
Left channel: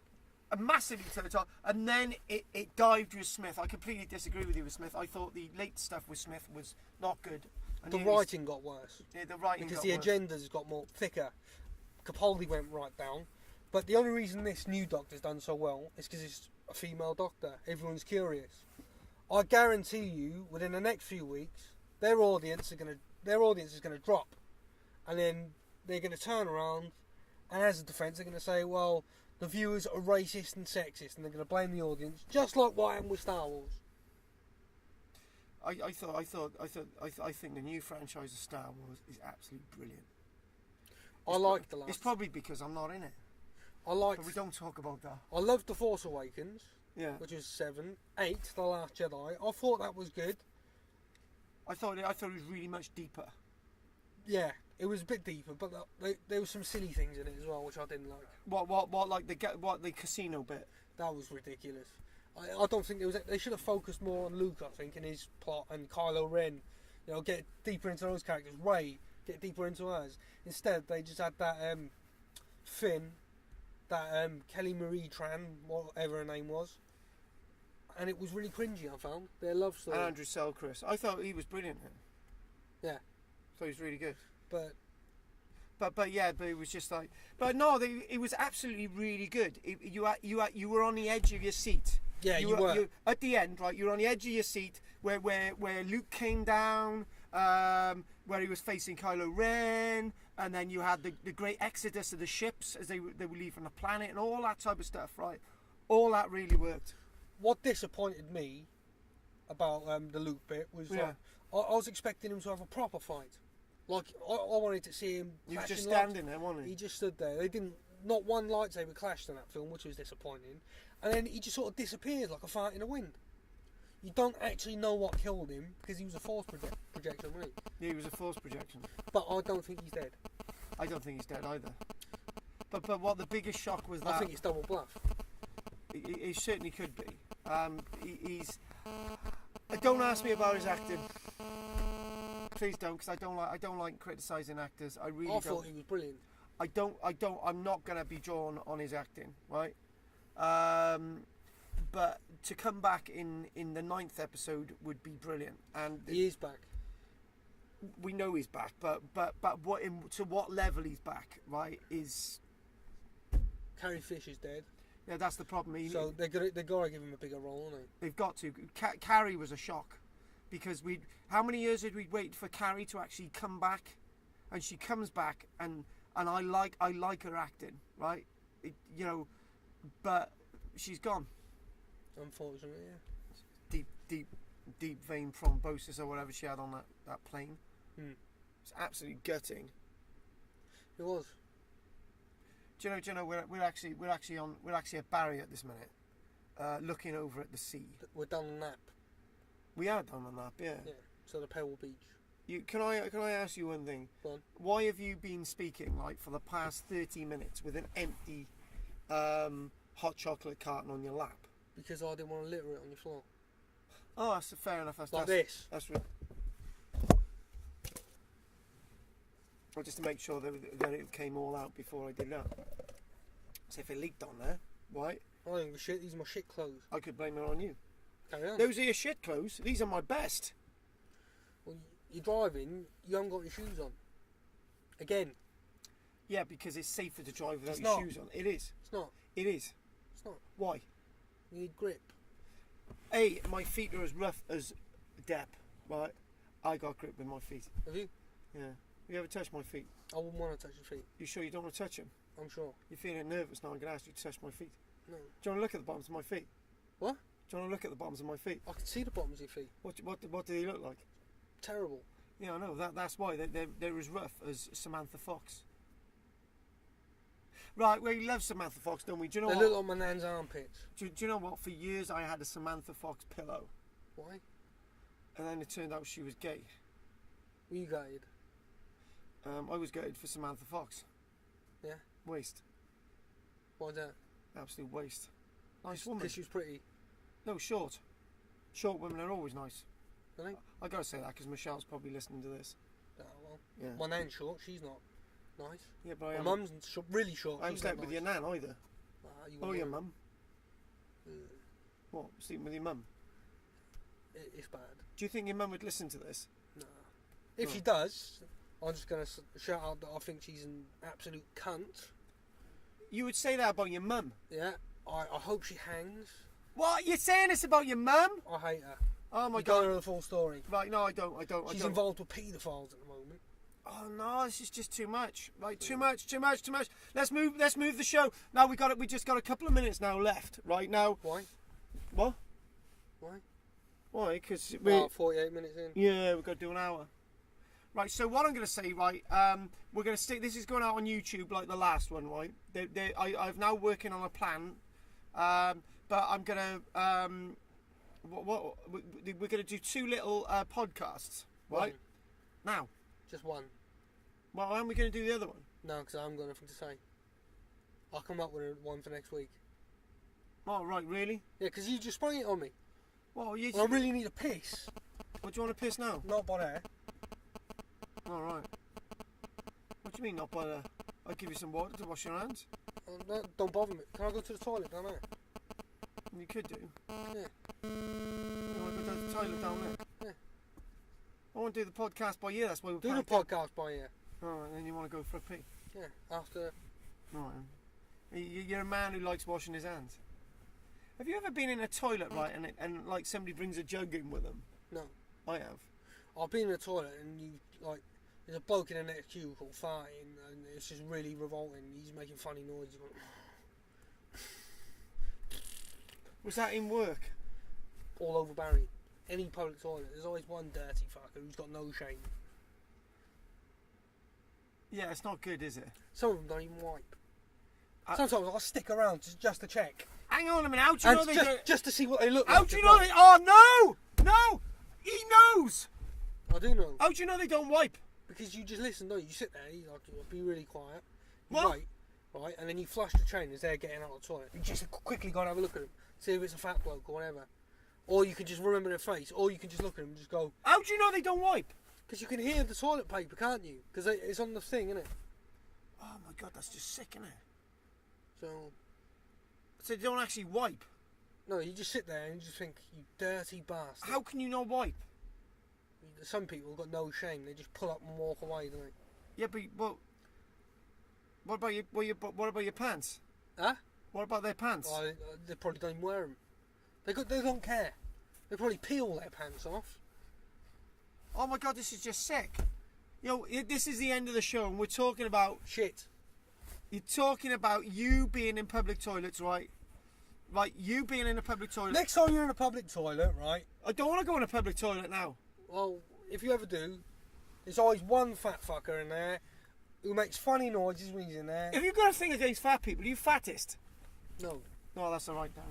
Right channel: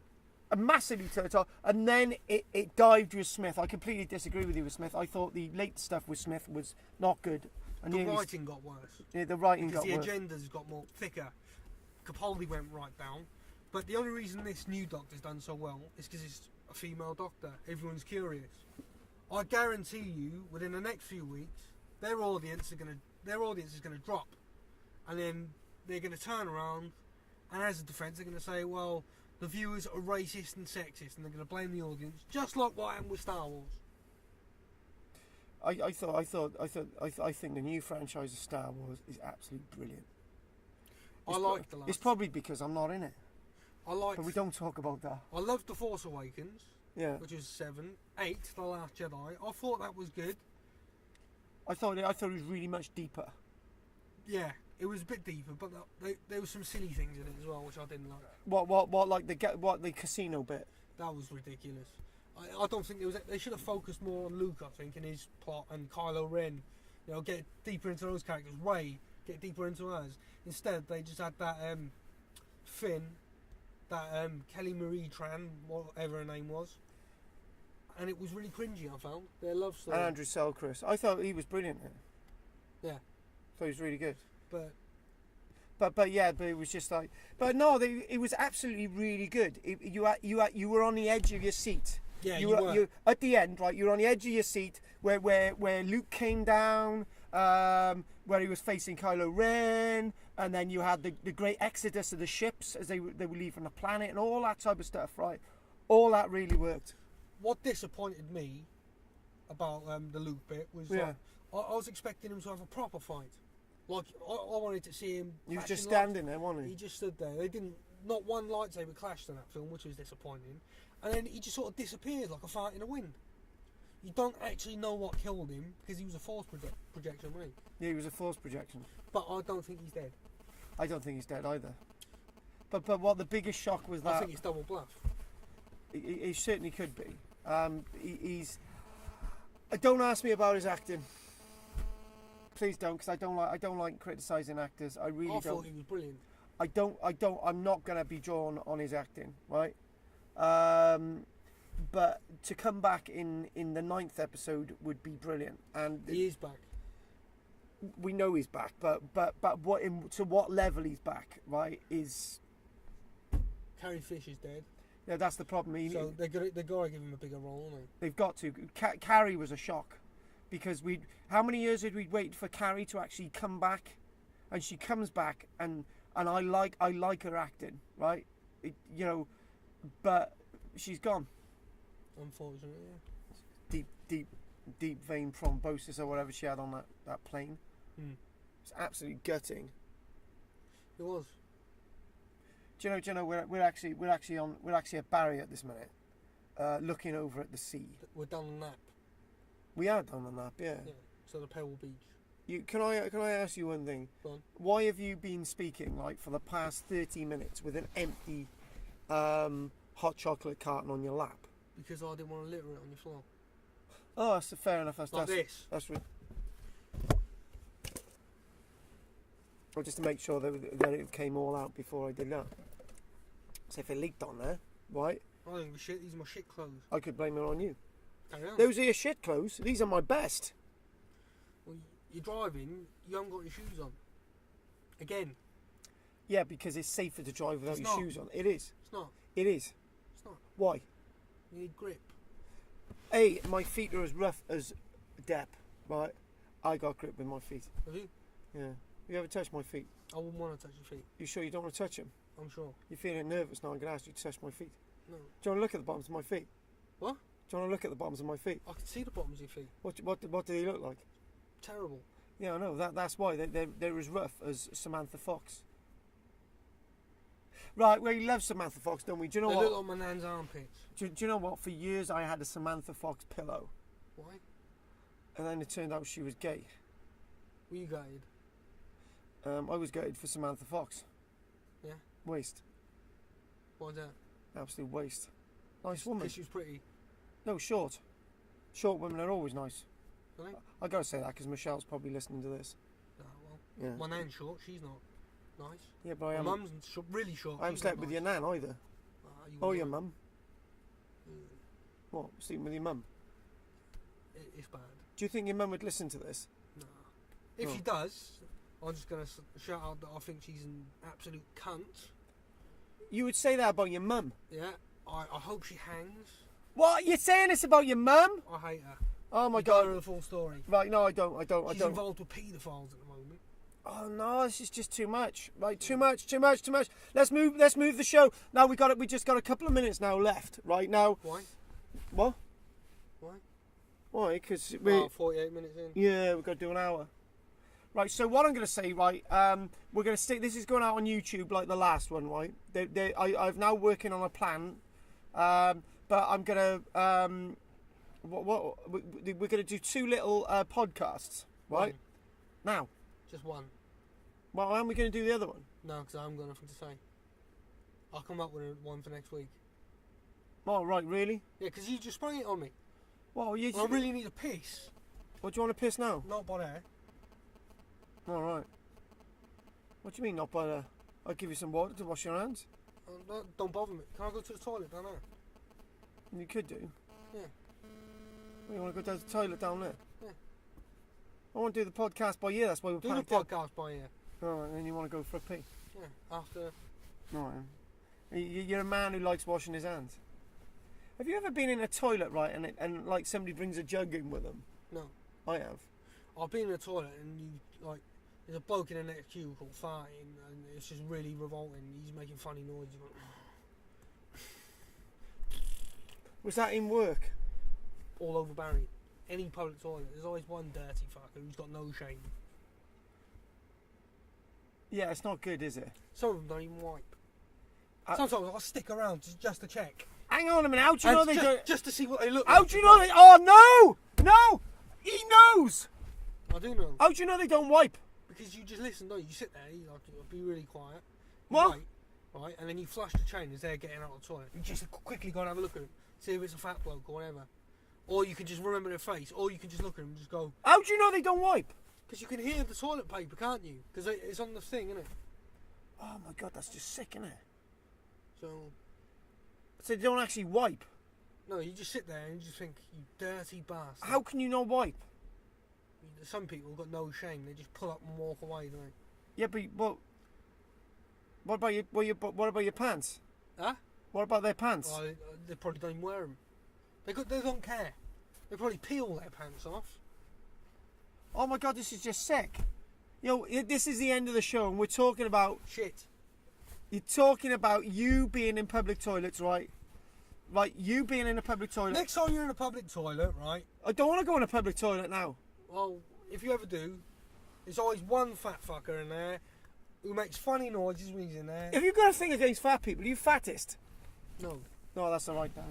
Massively to the top, and then it dived with Smith. I completely disagree with you with Smith. I thought the late stuff with Smith was not good. And The writing got worse. Yeah, the writing because got the worse. agendas got more thicker. Capaldi went right down. But the only reason this new Doctor's done so well is because it's a female Doctor. Everyone's curious. I guarantee you, within the next few weeks, their audience is gonna drop, and then they're gonna turn around, and as a defence, they're gonna say, well, the viewers are racist and sexist, and they're gonna blame the audience, just like what happened with Star Wars. I think the new franchise of Star Wars is absolutely brilliant. I like the last. It's probably because I'm not in it. But we don't talk about that. I loved The Force Awakens, Yeah. which is 7, 8, The Last Jedi. I thought that was good. I thought it was really much deeper. Yeah, it was a bit deeper, but there were some silly things in it as well, which I didn't like. What like the casino bit? That was ridiculous. I don't think they should have focused more on Luke, I think, and his plot, and Kylo Ren. Get deeper into those characters. Rey, get deeper into hers. Instead, they just had that Finn, that Kelly Marie Tran, whatever her name was, and it was really cringy. I found their love story. And Andrew Selkirk. I thought he was brilliant. Yeah. So he was really good. But it was just like. But no, it was absolutely really good. You were on the edge of your seat. Yeah, you were. At the end, right? You were on the edge of your seat where Luke came down, where he was facing Kylo Ren, and then you had the great exodus of the ships as they were leaving the planet and all that type of stuff, right? All that really worked. What disappointed me about the Luke bit was I was expecting him to have a proper fight. Like I wanted to see him. He was just clashing standing there, wasn't he? He just stood there. They didn't. Not one lightsaber clashed in that film, which was disappointing. And then he just sort of disappeared like a fart in the wind. You don't actually know what killed him because he was a force projection, really. Yeah, he was a force projection. But I don't think he's dead. I don't think he's dead either. But what the biggest shock was that I think it's double bluff. He certainly could be. He's. Don't ask me about his acting. Please don't, because I don't like criticising actors. I really don't. I thought he was brilliant. I'm not gonna be drawn on his acting, right? But to come back in the 9th episode would be brilliant, and He is back. we know he's back. But to what level he's back, right? Is Carrie Fisher's dead. yeah, that's the problem. So they got to give him a bigger role, haven't they? They've got to. Carrie was a shock, because how many years did we wait for Carrie to actually come back, and she comes back, and I like her acting, right? But she's gone. Unfortunately, yeah. Deep vein thrombosis or whatever she had on that plane. It's absolutely gutting. It was. Do you know we're actually at Barry at this minute, looking over at the sea. We're done on nap. We are done on that, yeah. Yeah. So the Pebble Beach. Can I ask you one thing? Go on. Why have you been speaking like for the past 30 minutes with an empty hot chocolate carton on your lap? Because I didn't want to litter it on your floor. Oh, that's fair enough. That's this. That's well, just to make sure that it came all out before I did that. So if it leaked on there, right? I think shit. These are my shit clothes. I could blame it on you. Carry on. Those are your shit clothes. These are my best. Well, you're driving. You haven't got your shoes on. Again. Yeah, because it's safer to drive without It's your not. shoes on. It is. It's not. It is. It's not. Why? You need grip. A, my feet are as rough as Depp, right? I got grip with my feet. Have you? Yeah. You ever touched my feet? I wouldn't want to touch your feet. You sure you don't want to touch them? I'm sure. You're feeling nervous now. I'm going to ask you to touch my feet. No. Do you want to look at the bottoms of my feet? What? Do you want to look at the bottoms of my feet? I can see the bottoms of your feet. What do they look like? Terrible. Yeah, I know. That's why they're as rough as Samantha Fox. Right, we love Samantha Fox, don't we? Do you know They what? look like my nan's armpits. Do you know what? For years I had a Samantha Fox pillow, Why? and then it turned out she was gay. Were you gutted? I was gutted for Samantha Fox. Yeah. Waste. Why's that? Absolute waste. Nice woman. Because she was pretty. No, short. Short women are always nice. Really? I gotta say that because Michelle's probably listening to this. Oh, well. Yeah. My nan's short. She's not nice. Yeah, but I My am. mum's really short. I haven't She's slept not with nice. your nan either. You Oh, wouldn't your know. mum. What? Sleeping with your mum? It's bad. Do you think your mum would listen to this? No. If No. she does, I'm just going to shout out that I think she's an absolute cunt. You would say that about your mum? Yeah. I hope she hangs. What? You're saying this about your mum? I hate her. Oh my You don't know god. the full story. Right, no, I don't. She's involved with paedophiles at the moment. Oh no, this is just too much. Right, too much. Let's move the show. Now we just got a couple of minutes now left. Right now. Why? What? Why? Why? Because About 48 minutes in. yeah, we've got to do an hour. Right, so what I'm going to say, right, we're going to stick, this is going out on YouTube like the last one, right? I've now working on a plan, but I'm going to, we're going to do 2 little podcasts, right? One. Now, Just one. well, how am we going to do the other one? No, because I haven't got nothing to say. I'll come up with one for next week. Oh, right, really? Yeah, because you just sprung it on me. Well, I really need a piss. What, do you want to piss now? Not by there. All right. What do you mean, not by there? I'll give you some water to wash your hands. Don't bother me. Can I go to the toilet down there? You could do. Yeah. You want to go to the toilet down there? Yeah. I want to do the podcast by you, that's why we're Do the packed up. podcast by here. Alright, and then you want to go for a pee. Yeah. After. Alright. You're a man who likes washing his hands. Have you ever been in a toilet, right, and like somebody brings a jug in with them? No. I have. I've been in the toilet and there's a bloke in the next cubicle farting and it's just really revolting. He's making funny noises. Was that in work? All over Barry. Any public toilet, there's always one dirty fucker who's got no shame. Yeah, it's not good, is it? Some of them don't even wipe. Sometimes I'll stick around just to check. Hang on a minute, how do you know And they don't... just to see what they look How like. do you know they... Oh, no! No! He knows! I do know. How do you know they don't wipe? Because you just listen, don't you? You sit there, you be really quiet. You What? wait, right? And then you flush the train as they're getting out of the toilet. You just quickly go and have a look at them. See if it's a fat bloke or whatever. Or you can just remember their face. Or you can just look at them and just go... How do you know they don't wipe? Because you can hear the toilet paper, can't you? Because it's on the thing, isn't it? Oh my god, that's just sick, isn't it? So... So they don't actually wipe? No, you just sit there and you just think, you dirty bastard. How can you not wipe? Some people have got no shame. They just pull up and walk away, don't they? Yeah, but what about your pants? Huh? What about their pants? Well, they probably don't even wear them. They don't care. They probably peel their pants off. Oh my god, this is just sick. Yo, this is the end of the show, and we're talking about Shit. you're talking about you being in public toilets, right? Right, you being in a public toilet. Next time you're in a public toilet, right? I don't want to go in a public toilet now. Well, if you ever do, there's always one fat fucker in there who makes funny noises when he's in there. If you've got a thing against fat people, are you fattest? No. No, that's all right, Dan.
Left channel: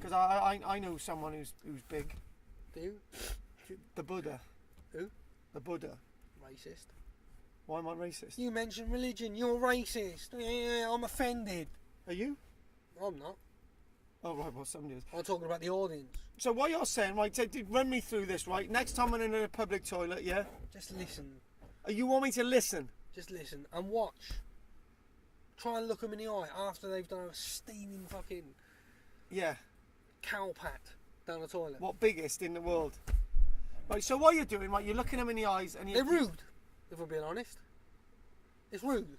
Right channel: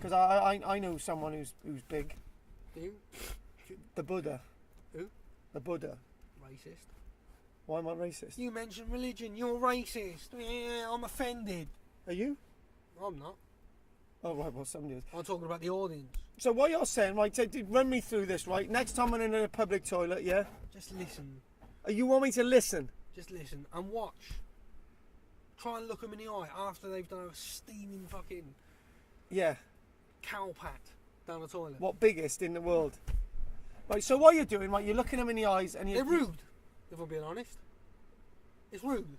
Because I know someone who's big. Do you? The Buddha. Who? The Buddha. Racist. Why am I racist? You mentioned religion. You're racist. Yeah, I'm offended. Are you? I'm not. Oh, right, well, somebody is. I'm talking about the audience. So what you're saying, right, run me through this, right? Next time I'm in a public toilet, yeah? Just listen. You want me to listen? Just listen and watch. Try and look them in the eye after they've done a steaming fucking Yeah. cow pat down the toilet. What biggest in the world? Right, so what you're doing, right, you're looking them in the eyes and They're rude, if I'm being honest. It's rude.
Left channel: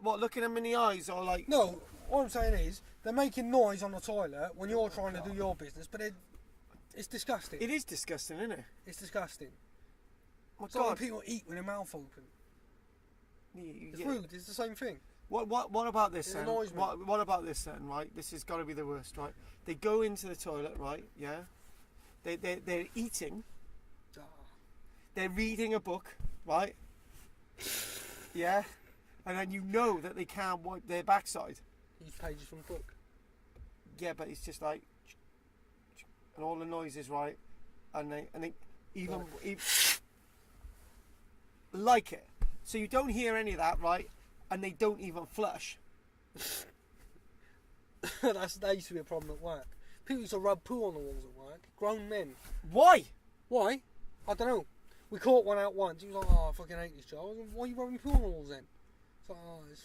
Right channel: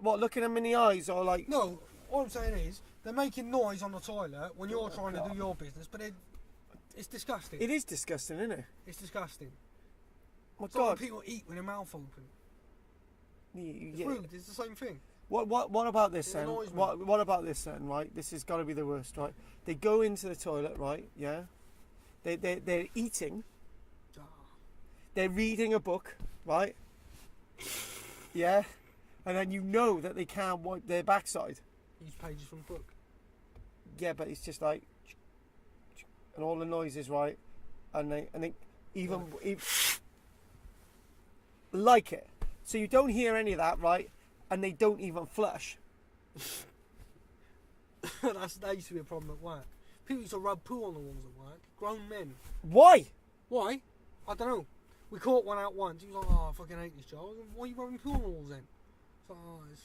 What, looking them in the eyes or like? No, all I'm saying is they're making noise on the toilet when you're trying to do your business, but it's disgusting. It is disgusting, isn't it? It's disgusting. My It's like when God. people eat with their mouth open. It's Yeah. rude. It's the same thing. What about this It then? annoys me. What about this then? Right, this has got to be the worst, right? They go into the toilet, right? Yeah. They're eating. Ah. They're reading a book, right? Yeah. And then you know that they can't wipe their backside. Use pages from the book. Yeah, but it's just like, and all the noises, right? And they even like it. So you don't hear any of that, right? And they don't even flush. That used to be a problem at work. People used to rub poo on the walls at work. Grown men. Why? Why? I don't know. We caught one out once. He was like, "Oh, I fucking hate this job." I was like, "Why are you rubbing poo on the walls then?" It's like, "Oh, it's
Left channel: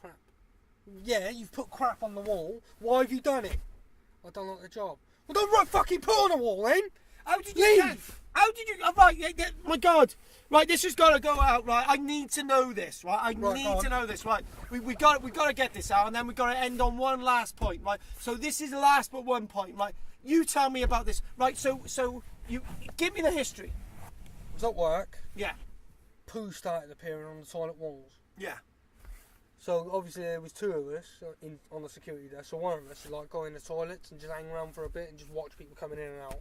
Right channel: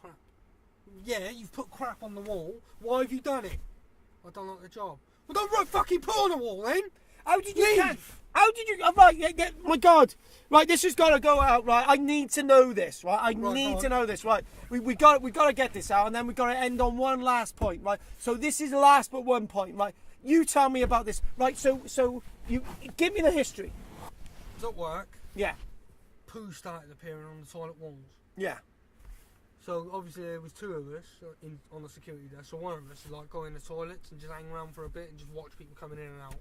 crap." Yeah, you've put crap on the wall. Why have you done it? I don't like the job. Well, don't rub fucking poo on the wall then. How did Leave. you? How did you? Right, my God! Right, this has got to go out. Right, I need to know this. Right, I Right, need go to on. know this. Right, we got to get this out, and then we got to end on one last point. Right, so this is the last but one point. Right, you tell me about this. Right, so you give me the history. I was at work. Yeah, Poo started appearing on the toilet walls. yeah, So obviously there was two of us on the security desk. So one of us would like go in the toilets and just hang around for a bit and just watch people coming in and out,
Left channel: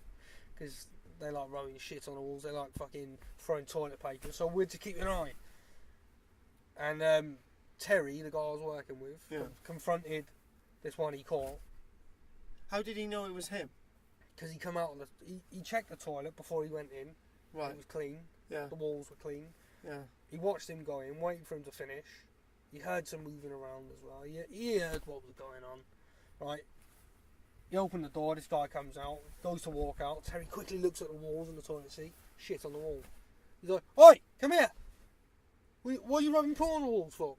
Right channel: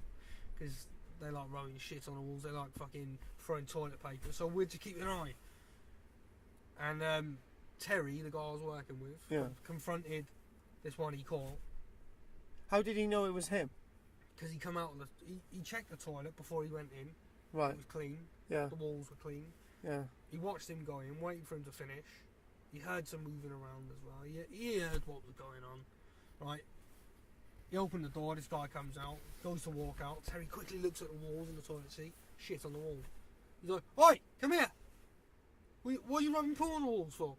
because they like rubbing shit on the walls. They like fucking throwing toilet paper. So we're to keep an eye. And Terry, the guy I was working with, Yeah. confronted this one he caught, How did he know it was him? because he come out of he checked the toilet before he went in. Right. It was clean. Yeah. The walls were clean. Yeah. He watched him go in, waited for him to finish. He heard some moving around as well. He heard what was going on. Right. He opened the door, this guy comes out, goes to walk out. Terry quickly looks at the walls in the toilet seat. Shit on the wall. He's like, "Oi, come here. What are you rubbing poo on the walls for?"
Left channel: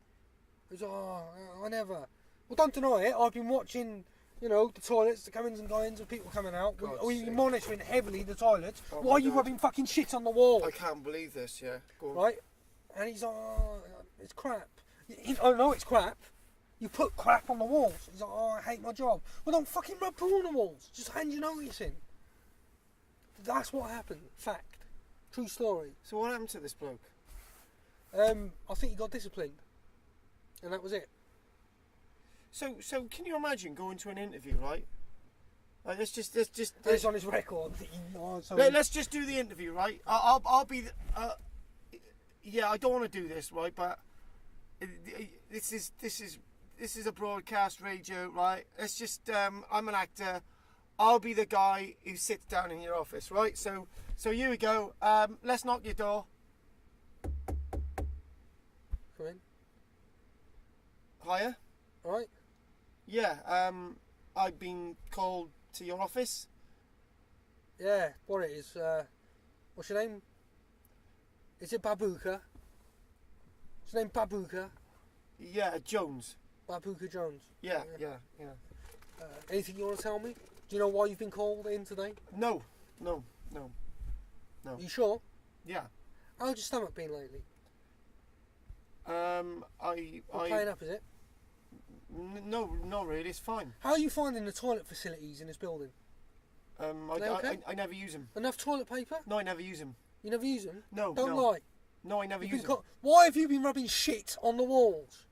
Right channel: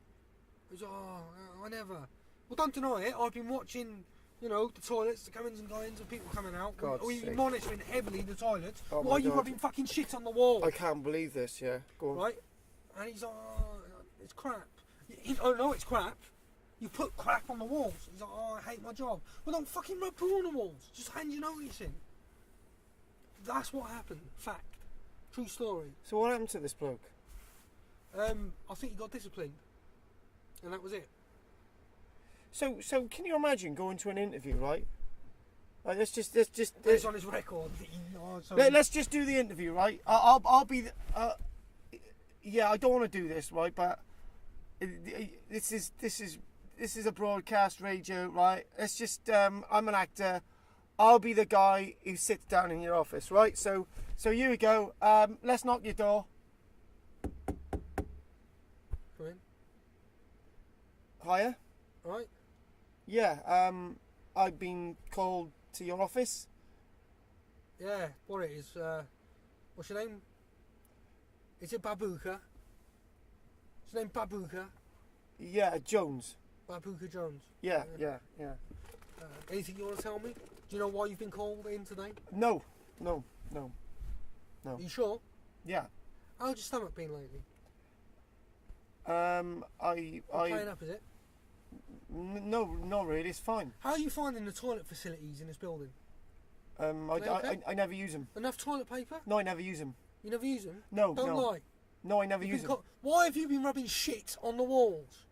He's like, "Oh, I never." Well, don't deny it. I've been watching, the toilets, the comings and goings of people coming out. God's We've been sake. monitoring heavily the toilets. Oh Why my are you God. rubbing fucking shit on the wall? I can't believe this. Yeah. Go on. Right? And he's like, "Oh, it's crap." Oh no, it's crap. You put crap on the walls. He's like, "Oh, I hate my job." Well, don't fucking rub poo on the walls. Just hand your notice in. That's what happened. Fact. True story. So what happened to this bloke? I think he got disciplined. And that was it. So can you imagine going to an interview, right? Like, let's just It's on his record. let's just do the interview, right? I'll be. Yeah, I don't want to do this, right? But this is a broadcast radio, right? Let's just. I'm an actor. I'll be the guy who sits down in your office, right? So here we go. Let's knock your door. Come in. Hiya. Alright. Yeah. I've been called to your office. Yeah, what it is. What's your name? Is it Babuka? Is your name Babuka? Yeah, Jones. Babuka Jones. Yeah. Anything you want to tell me? Do you know why you've been called in today? No. Are you sure? Yeah. How's your stomach been lately? I Playing up, is it? no, not really. It's fine. How are you finding the toilet facilities in this building? They okay? I never use them. Enough toilet paper? No, I never use them. You never use them? No, Don't no. lie. No, I never You've use been them. Why have you been rubbing shit on the walls?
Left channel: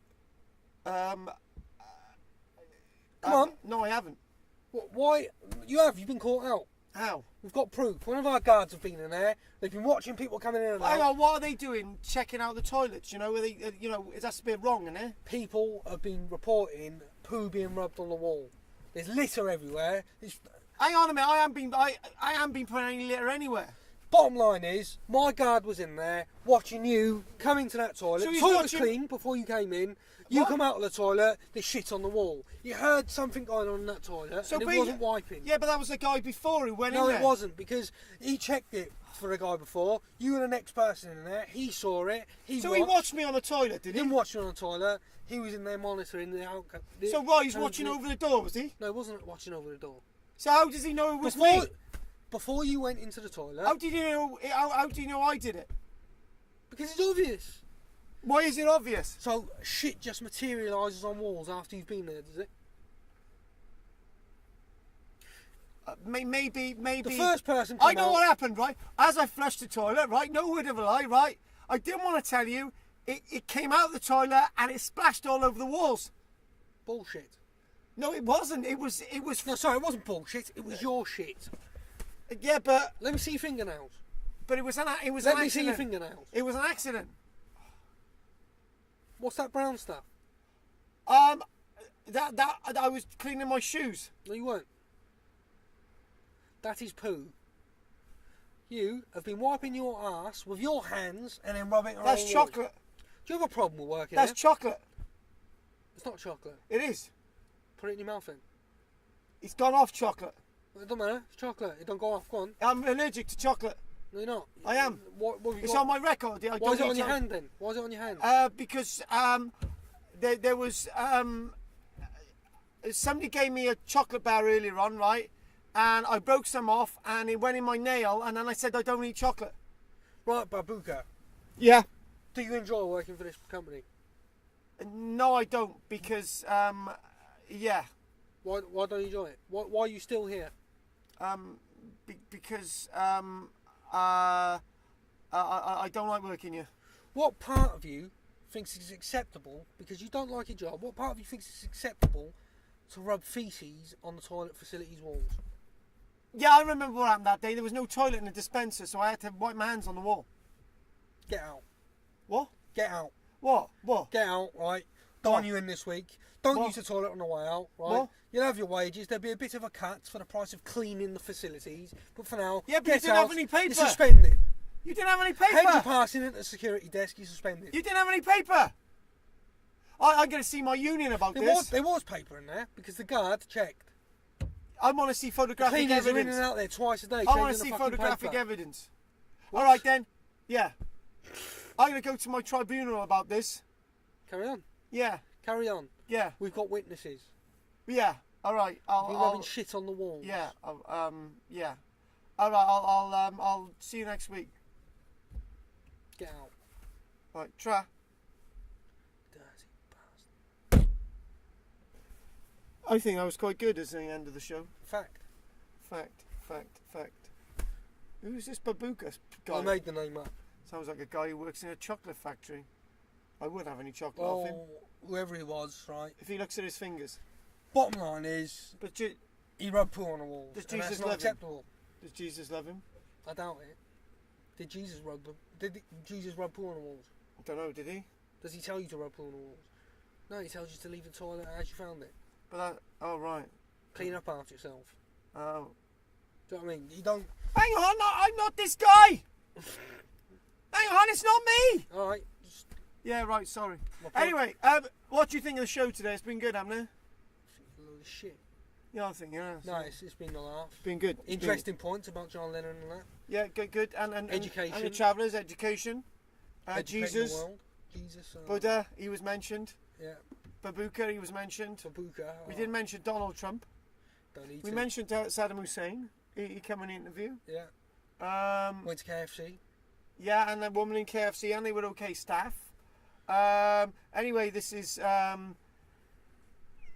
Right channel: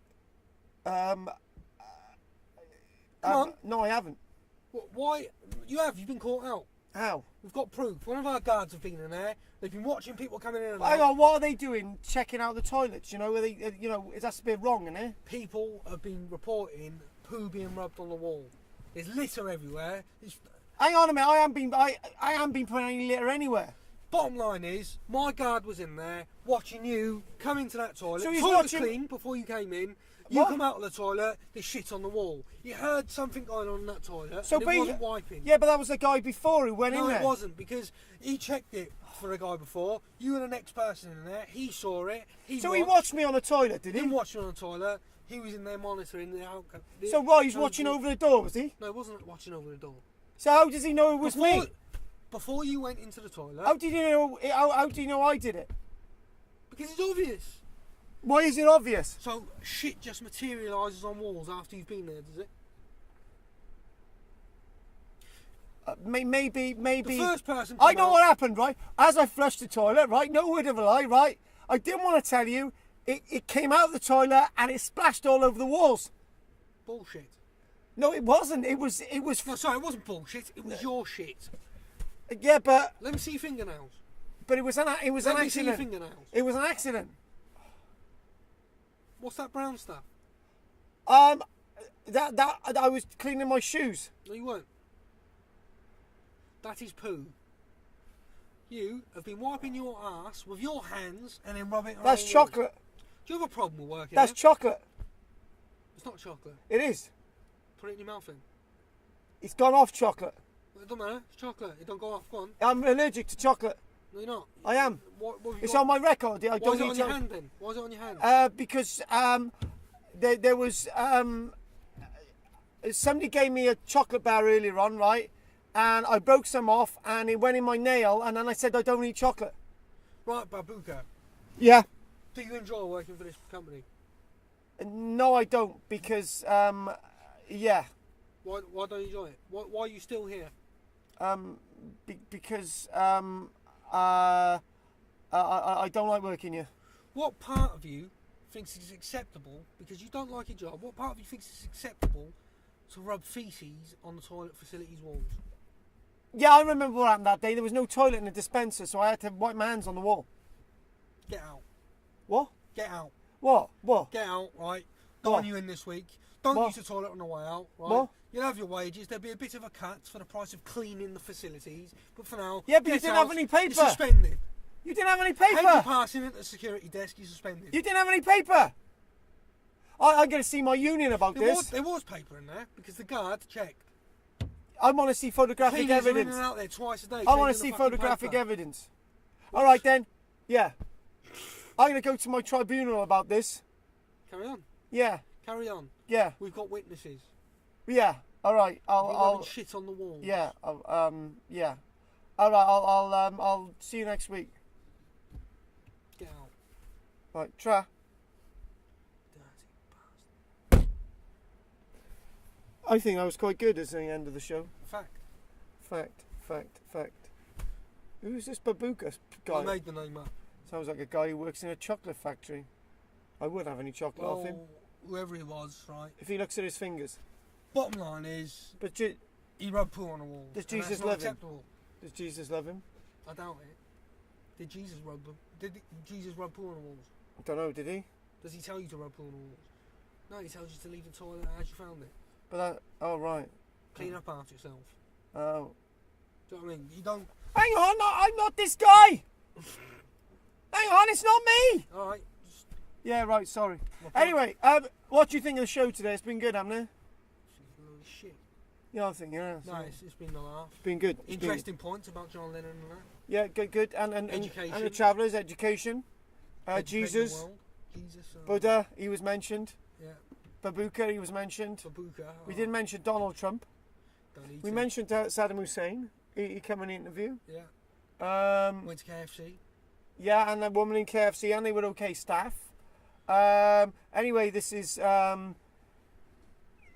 Come on. No, I haven't. Why? You have. You've been caught out. How? We've got proof. One of our guards have been in there. They've been watching people coming in and Hang out. on, what are they doing? Checking out the toilets? You know, are they? That's a bit wrong, isn't it? People have been reporting poo being rubbed on the wall. There's litter everywhere. Hang on a minute. I haven't been putting any litter anywhere. Bottom line is, my guard was in there watching you come into that toilet. So The he's toilet watching- was clean before you came in. You What? come out of the toilet, there's shit on the wall. You heard something going on in that toilet, So and it wasn't wiping. Yeah, but that was the guy before who went in No, there. it wasn't, because he checked it for a guy before. You were the next person in there. He saw it. So he watched me on the toilet, did He he? didn't watch you on the toilet. He was in there monitoring the outcome. So right, he's watching over the door, was he? No, he wasn't watching over the door. So how does he know it was me? Before you went into the toilet. How did he know? How did he know I did it? Because it's obvious. Why is it obvious? So shit just materialises on walls after you've been there, does it? Maybe. The first person. I know what happened, right? As I flushed the toilet, right? No word of a lie, right? I didn't want to tell you. It came out of the toilet and it splashed all over the walls. Bullshit. No, it wasn't. It was. No, sorry, it wasn't bullshit. It was your shit. Yeah, but Let me see your fingernails. it was an Let me accident. see your fingernails. It was an accident. What's that brown stuff? That I was cleaning my shoes. No, you weren't. That is poo. You have been wiping your ass with your hands and then rubbing it on That's all the chocolate. walls. Do you have a problem with working That's there? chocolate. It's not chocolate. It is. Put it in your mouth then. It's gone off chocolate. Well, it doesn't matter. It's chocolate. It don't go off. Go on. I'm allergic to chocolate. No, you're not. I am. What have you It's got? on my record. I Why don't is it eat on your chocolate. hand then? Why is it on your hand? Because there was somebody gave me a chocolate bar earlier on, right? And I broke some off, and it went in my nail. And then I said I don't eat chocolate. Right, Babuka. Yeah. Do you enjoy working for this company? No, I don't, because yeah. Why don't you enjoy it? Why are you still here? Because I don't like working here. What part of you thinks it's acceptable, because you don't like your job, what part of you thinks it's acceptable to rub feces on the toilet facilities walls? Yeah, I remember what happened that day. There was no toilet in the dispenser, so I had to wipe my hands on the wall. Get out. What? Get out. What? What? Get out, right? Don't What? want you in this week. Don't What? use the toilet on the way out, right? What? You'll have your wages. There'll be a bit of a cut for the price of cleaning the facilities. But for now, Yeah, but you get didn't out. have any paper. You're suspended. You didn't have any How you paper. passing at the security desk, you're suspended. You didn't have any paper. I'm going to see my union about this. There was paper in there because the guard checked. I want to see photographic Cleaners are in evidence. and out there twice a day. I want cleaning to the see fucking photographic paper. evidence. All right then. Yeah. I'm going to go to my tribunal about this. Carry on. Yeah. Carry on. Yeah. We've got witnesses. Yeah. All right. You're I'll rubbing shit on the walls. yeah. Yeah. All right. I'll see you next week. Get out. Right. Try. Dirty bastard. I think I was quite good as the end of the show. Fact. Fact. Who's this Babuka guy? I made the name up. Sounds like a guy who works in a chocolate factory. I wouldn't have any chocolate off him. Well, whoever he was, right? If he looks at his fingers. Bottom line is, But he rubbed poo on the walls. Does and Jesus that's not love him? acceptable. does Jesus love him? I doubt it. Did Jesus rub them? Did Jesus rub poo on the walls? I don't know, did he? Does he tell you to rub poo on the walls? No, he tells you to leave the toilet as you found it. But that, oh right. Clean up after yourself. Oh. Do you know what I mean? You don't. Hang on, I'm not this guy! Hang on, it's not me! Alright. Yeah, right, sorry. My point- Anyway, what do you think of the show today? It's been good, hasn't it? It's a load of shit. Yeah, I think, yeah. No, it's been a laugh. It's been good. It's been- Interesting points about John Lennon and that. Yeah, good. And Education. And the travellers, education. Educating Jesus. the world. Jesus. Buddha, he was mentioned. Yeah. Babuka, he was mentioned. Babuka. We didn't mention Donald Trump. Don't need We to. mentioned Saddam Hussein. He came on the interview. Yeah. Went to KFC. Yeah, and the woman in KFC, and they were okay staff. Anyway, this is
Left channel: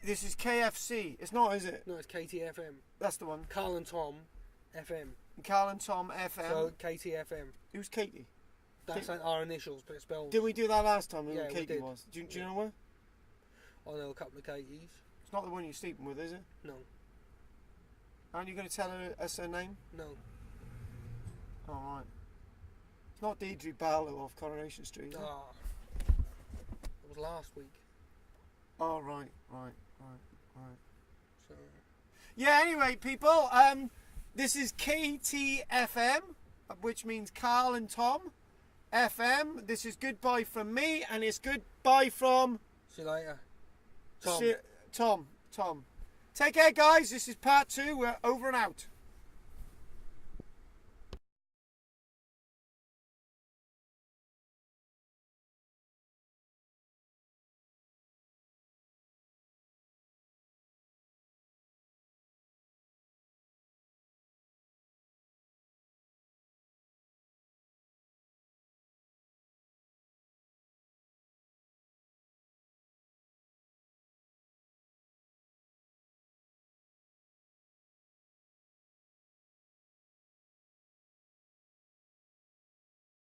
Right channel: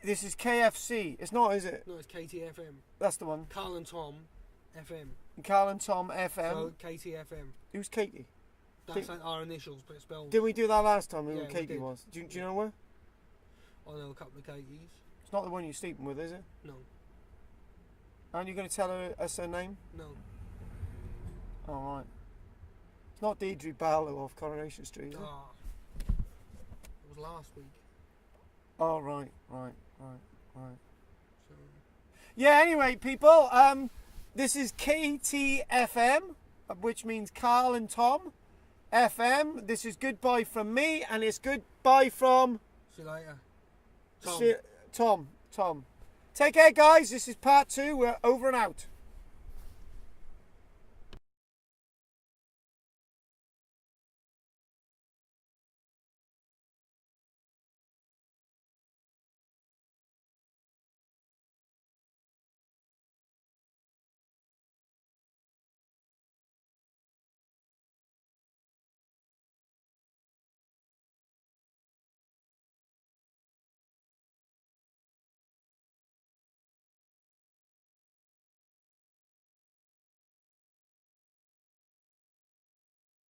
KFC. It's not, is it? No, it's KTFM. That's the one. Carl and Tom FM. Carl and Tom FM. So KTFM. Who's Katie? That's like our initials, but it's spelled. Did we do that last time? Who Yeah, we Katie did. was? Do you know her? I know a couple of Katies. It's not the one you're sleeping with, is it? No. Aren't you going to tell us her name? No. All right. It's not Deirdre Barlow off Coronation Street, is it? Ah. It was last week. Oh, right. So. Yeah, anyway, people, this is KTFM, which means Carl and Tom FM. This is goodbye from me, and it's goodbye from... See you later. Tom. Tom. Take care, guys. This is part 2. We're over and out.